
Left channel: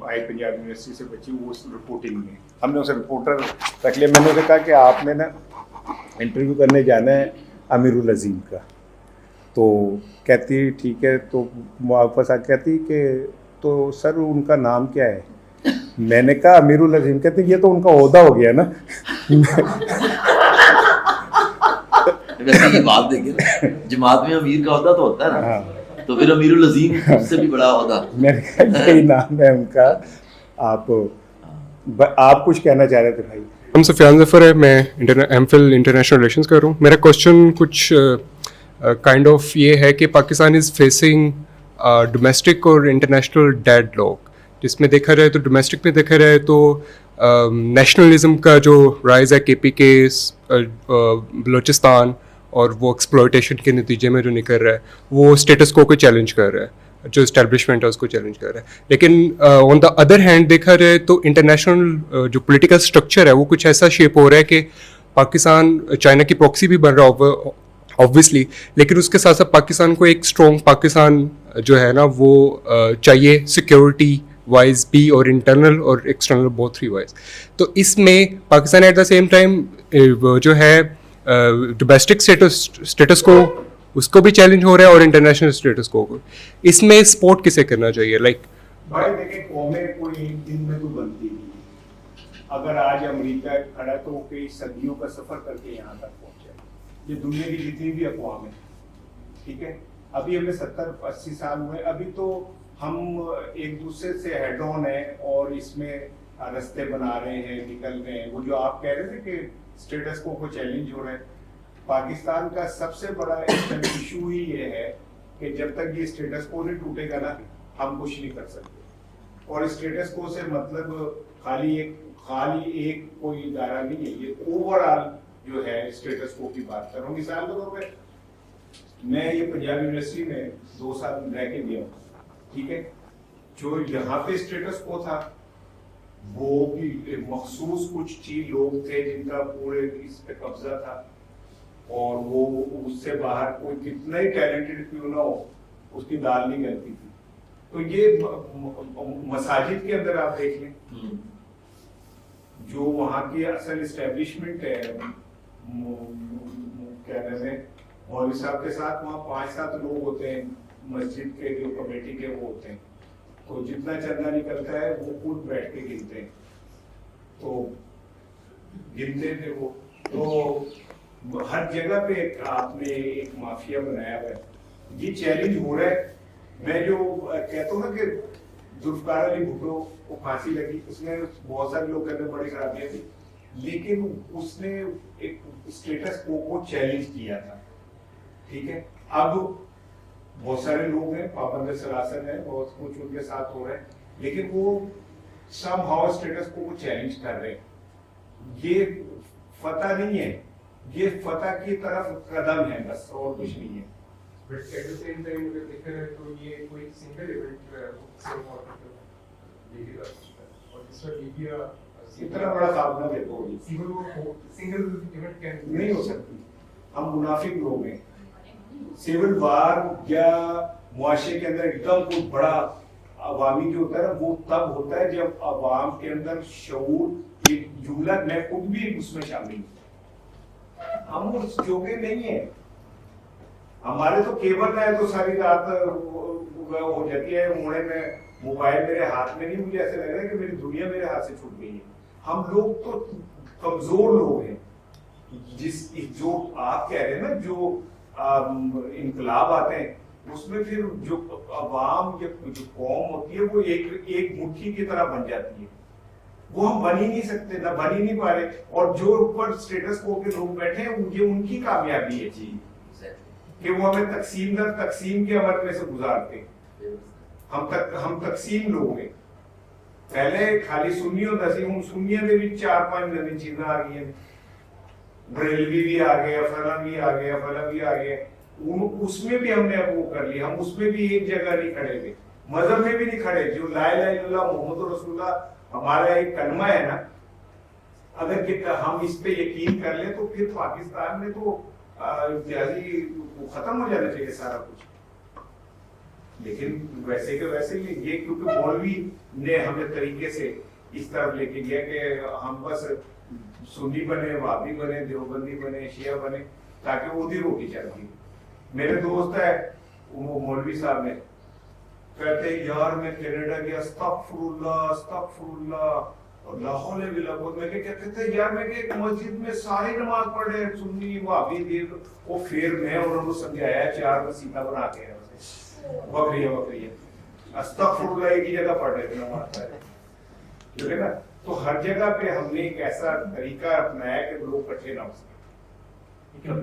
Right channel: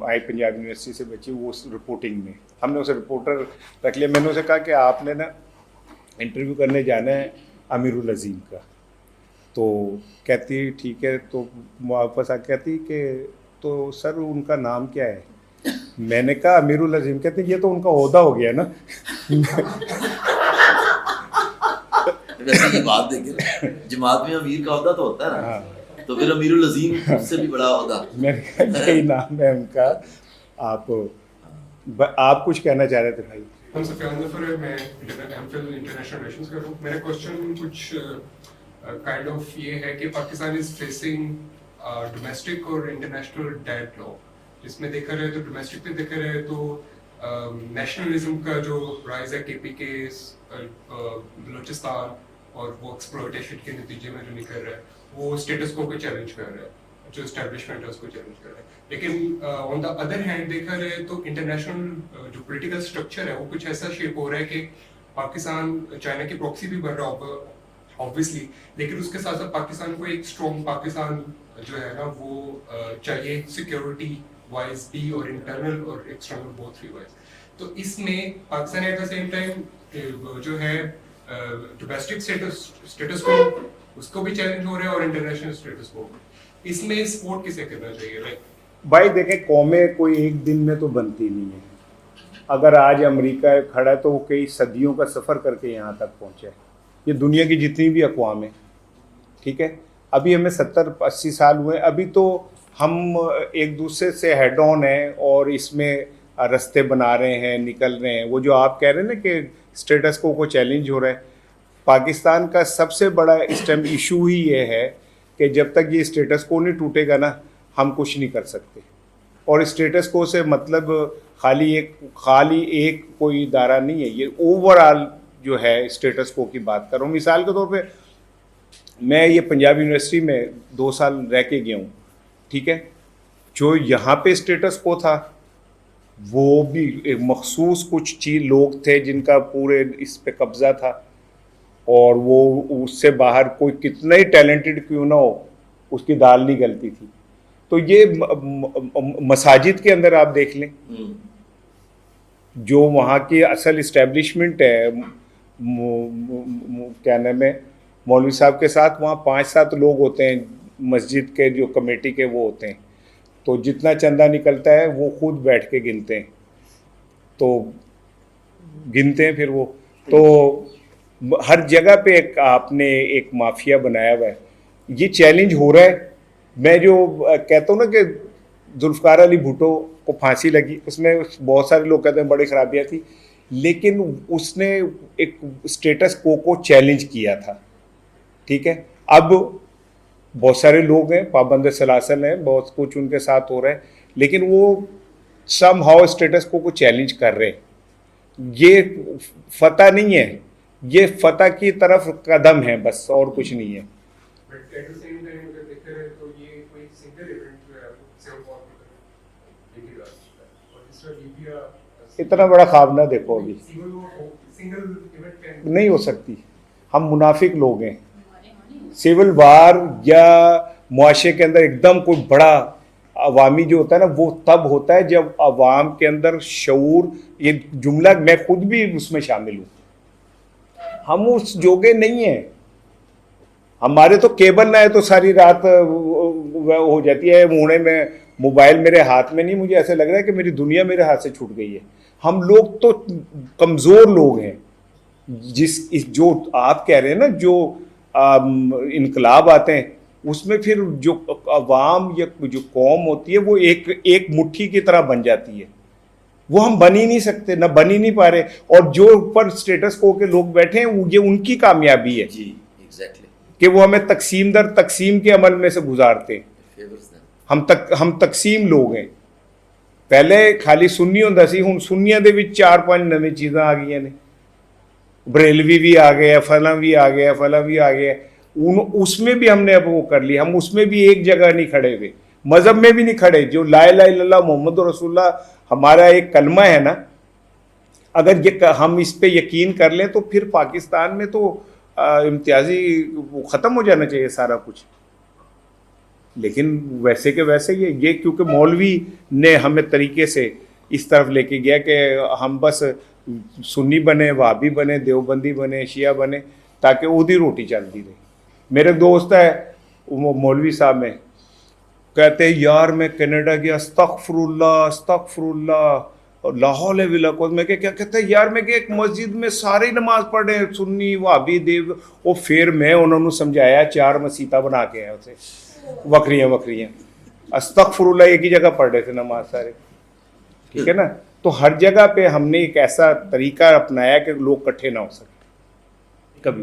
آئی پنجاب یونیورسٹی سے بچی, وہ رپورٹنگ میں ہم نے اسے رپورٹر رکھ لیا. میں نے اسے کہا کہ آپ نے نا انٹرویو کرنے جانا ہے امیر العظیم کا. تو کہتی ٹھیک ہے. تو واپس آ کہتی کہ تو سر ان کا نام کیا ہے؟ میں نے کہا امیر العظیم. کہتے یہ تو ان کا عہدہ ہو گیا نا. ویسے یہ بات دیکھیں جماعت میں امیر کا عہدہ تو ہوتا ہے نا, تو پھر امیر العظیم اس سے بھی بڑا عہدہ. میں نے کہا یہی نام ہے ان کا. آپ کچھ کہنا چاہ رہے تھے بھائی؟ ہم سفیان ظفر ہے, میں ایم فل انٹرنیشنل ریلیشنز کر رہا ہوں. میرا کوشچن کچھ کائنڈ آف یہ ہے کہ پاکستان از فیسنگ ڈومیسٹک اور انٹرنیشنل ڈیڈ لاک, جس میں دیکھا جائے تو ڈومیسٹک میں دیکھا جائے تو نیشنلزم کا جو رائز ہے, کے پی کے بلوچستان, اور وہ ایکسپلوٹیشن کے نتیجے میں جو نکل رہا ہے وہ اسٹیٹس کو چیلنج کر رہا ہے, جو اسٹیبلشمنٹ ہے اس کو چیلنج کر رہا ہے. لیکن آن دا ادر ہینڈ دیکھا جائے تو انٹرنیشنل جو پولیٹیکل اسٹرکچر ہے وہ کچھ ایسا شیپ ہو رہا ہے کہ پاکستان چائنا کی پراکسی بھی بن رہا ہے آبویسلی, لیکن اس کے ساتھ ساتھ پاکستان کو ایک اسٹرانگ پاکستان جو ہے نا وہ چاہیے سیکیورٹی وائز بھی اور انٹرنل اور ایکسٹرنل بوتھ 3 وائز. تو اس میں Pakistan at the same time جو ہے ڈومیسٹک اسٹیٹس کو اس کو بھی چیلنج ہو رہا ہے اور انٹرنیشنل اسٹیٹس کو. اس میں سپورٹ کسے کرنا چاہیے؟ لائک بھائی دیکھیں قومیں کوئی ایک دن میں تو بنتی نہیں ہے. اگر آج امریکہ کھڑا ہے تو وہ کئی صدیوں کا سفر کر کے یہاں تک پہنچا ہے. یہ دنیا کی جتنی بھی اقوام ہیں, ٹھیک ہے, ابھی ہمیں 70-80 سال ہوئے, ابھی تو ہم ایک دوسرے سے ہیڈ آن ہیں اور اس میں رستے بنا رہے ہیں, نکل رہے ہیں. وہ جو آپ کہہ رہے ہیں نا کہ اسٹیٹس کو چیلنج ہو رہا ہے, پاکستان کا سب سے بڑا اس ٹائم ایشو ہی یہ ہے کہ جب تک یہ اسٹیٹس کو نہیں ٹوٹے گا نا, ہم کچھ نہیں کر سکتے. اور اسٹیٹس کو سے مطلب خالی ایک کوئی ادارہ نہیں ہے, یہ اوور آل جو ہے اسٹیٹس کو کی بات کر رہا ہوں. مثال کے طور پہ میں یہ پنجاب یونیورسٹی میں 2 سال رہ کے گیا ہوں, ٹھیک ہے. جو یہاں پہ اسٹیٹس کو تھا وہ بھی ایک مخصوص کچھ لوگ تھے جن کا پورے اس پہ قبضہ تھا, اور وہ اس سے باہر کوئی کتنا ہی ٹیلنٹڈ کیوں نہ ہو اس کی دال نہیں گلتی تھی. تو یہ مساجد کے اندر آپ دیکھ لیں, جو وہاں کی اصل اسٹیبلشمنٹ ہے, کیا نام ہے, مولوی صاحب کے ساتھ وہاں 5-7 لوگ ہوتے ہیں مسجد کے جو کمیٹی کے وہ ہوتے ہیں, تو جتنا چندہ نکلتا ہے وہ خود بیٹھ کے گنتے ہیں, تو گنتے ہیں پھر وہ. تو ہر جگہ پہ آپ نے ایک مافیا بنایا ہوا ہے. یہ چیلنج ہو رہا ہے. میں جو کہتا ہوں نا کہ ذوالفقار علی بھٹو کو پھانسی لگی, اس میں بہت سارے لوگ کہتے ہیں بڑی خرابیاں تھیں, لیکن اس نے ایک اسٹیٹس کو چیلنج کیا تھا, ٹھیک ہے. اب بہت سارے لوگ ہیں, پابند سلاسل ہیں, بہت کچھ ان کے ساتھ ہو رہا ہے, لیکن وہ سم ہاؤ اسٹیٹس کو چیلنج کر رہے ہیں. یہ فتح نہیں ہے, یہ فتح کی طرف قدم ہے بس, اور کچھ نہیں ہے. اتنا بڑا خواب نہ دیکھو, ابھی نہیں ہو سکتی. ہم منافق لوگ ہیں. سول وار یا معاشرے کے اندر ایک دم کوئی بڑا عوامی جو ہوتا ہے نا, وہ تب ہوتا ہے جب عوام کے اندر شعور, یہ جملہ میں خود بھی اس میں شامل ہوں, ہم اس جوگے نہیں ہیں. ہمارے تو کیبل نہ ہے تو ساری رات ہو جاتی ہے. موڑے میں موبائل میرے ہاتھ میں نہیں, مجھے ایسا لگ رہا ہے کہ میری دنیا میرے ہاتھ سے چھوٹ گئی ہے. ہم لوگ تو کمزور لوگ ہیں. جو آپ کہہ رہے ہیں نا, جو انقلاب آتے ہیں اس میں پھر جو عوام یا جو قوم ہوتی ہے وہ ایک مٹھی کی طرح بن جاتی ہے. وہ ہم بن ہی نہیں سکتے, نہ بن ہی نہیں پا رہے. اور جو اوپر اسٹیٹس کو کے لوگ بیٹھے ہیں یہ ان کی کامیابی ہے کہ وہ ہمیں تقسیم در تقسیم کے عمل میں سے گزارتے ہیں. ہم تقسیم لوگ ہیں. پہلے خالی سنی ہوتا سی, ہوں سنیاں دے وچ 4-5 نویں چیزاں آ گئی ہیں. بریلوی بھی آ گیا, فلاں بھی آ گیا, فلاں بھی آ گیا. اس میں بھی ہم نے اب وہ کر لی. ہم اس میں بھی ایک جگہ نہیں کھڑے ہوئے, مذہب میں بھی نہیں کھڑے. جو لا الہ الا اللہ محمد رسول اللہ ہمارا ایک کلمہ ہے نا, اگر ہم اس پہ یقین کر لیں تو پھر پاکستان میں تو امتیازی ختم ہو جانا چاہیے سارا کچھ. لیکن ویسے کہ ویسے یہ کیونکہ مولوی نے ہمیں طریقے سے اس طرف لے کے گیا کہ ہم بس سنی بنے, وہابی بنے, دیوبندی بنے, شیعہ بنے, تاکہ اودھی روٹی چلتی رہے. میرے دوست ہے وہ مولوی صاحب میں کہتے ہیں یار میں کینیڈا گیا, استغفر اللہ لا حول ولا قوت. میں کیا کہتے ہیں یار, میں کہ ایک مسجد میں سارے نماز پڑھے, سنی, وہابی, دیو. اور پھر میں انہوں نے سمجھایا 4 مسیطہ بنا کے ہیں اسے, وکریاں استغفر اللہ ایک ہی جگہ پڑھ رہے تھے نماز سارے, ٹھیک ہے نا. تو ہر جگہ پہ ہم نے ایک ایسا طریقہ اپنایا کہ لوگ اکٹھے نہ ہو سکے کبھی.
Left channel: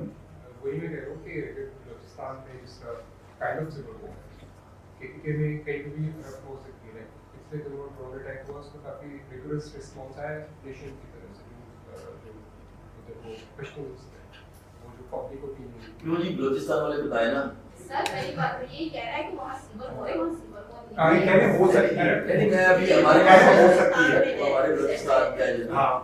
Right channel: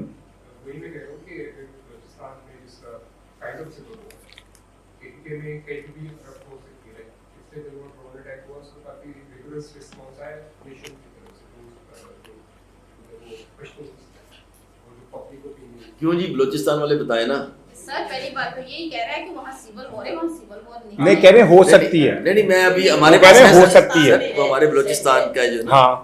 کیوں جی بلوچستان والے بتائے نا. سر پہلی بات تو یہی کہہ رہا ہے کہ وہاں سول ہو رہے ہیں, وہاں سول ہو نہیں کہہ رہے ہو سکتی ہے. نہیں میں ابھی ہمارے پاس ہو سکتی ہے ہمارے بلوچستان کا جو ہاں.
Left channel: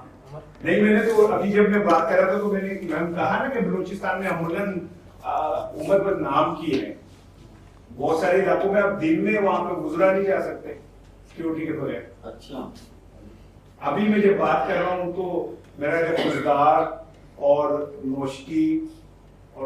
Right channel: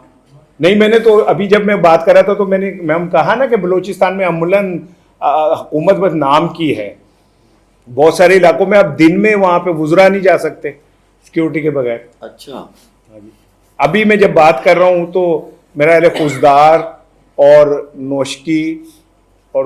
نہیں میں نے تو ابھی جب میں بات کر رہا تھا تو میں نے کہا نا کہ بلوچستان میں عملاً حکومت بس نام کی ہے. بہت سارے علاقوں میں اب دن میں وہاں پہ وزرا نہیں جا سکتے سیکیورٹی کے بغیر. اچھا ابھی میں جب بات کر رہا ہوں تو میرا اہل خوزدار اور نوشکی اور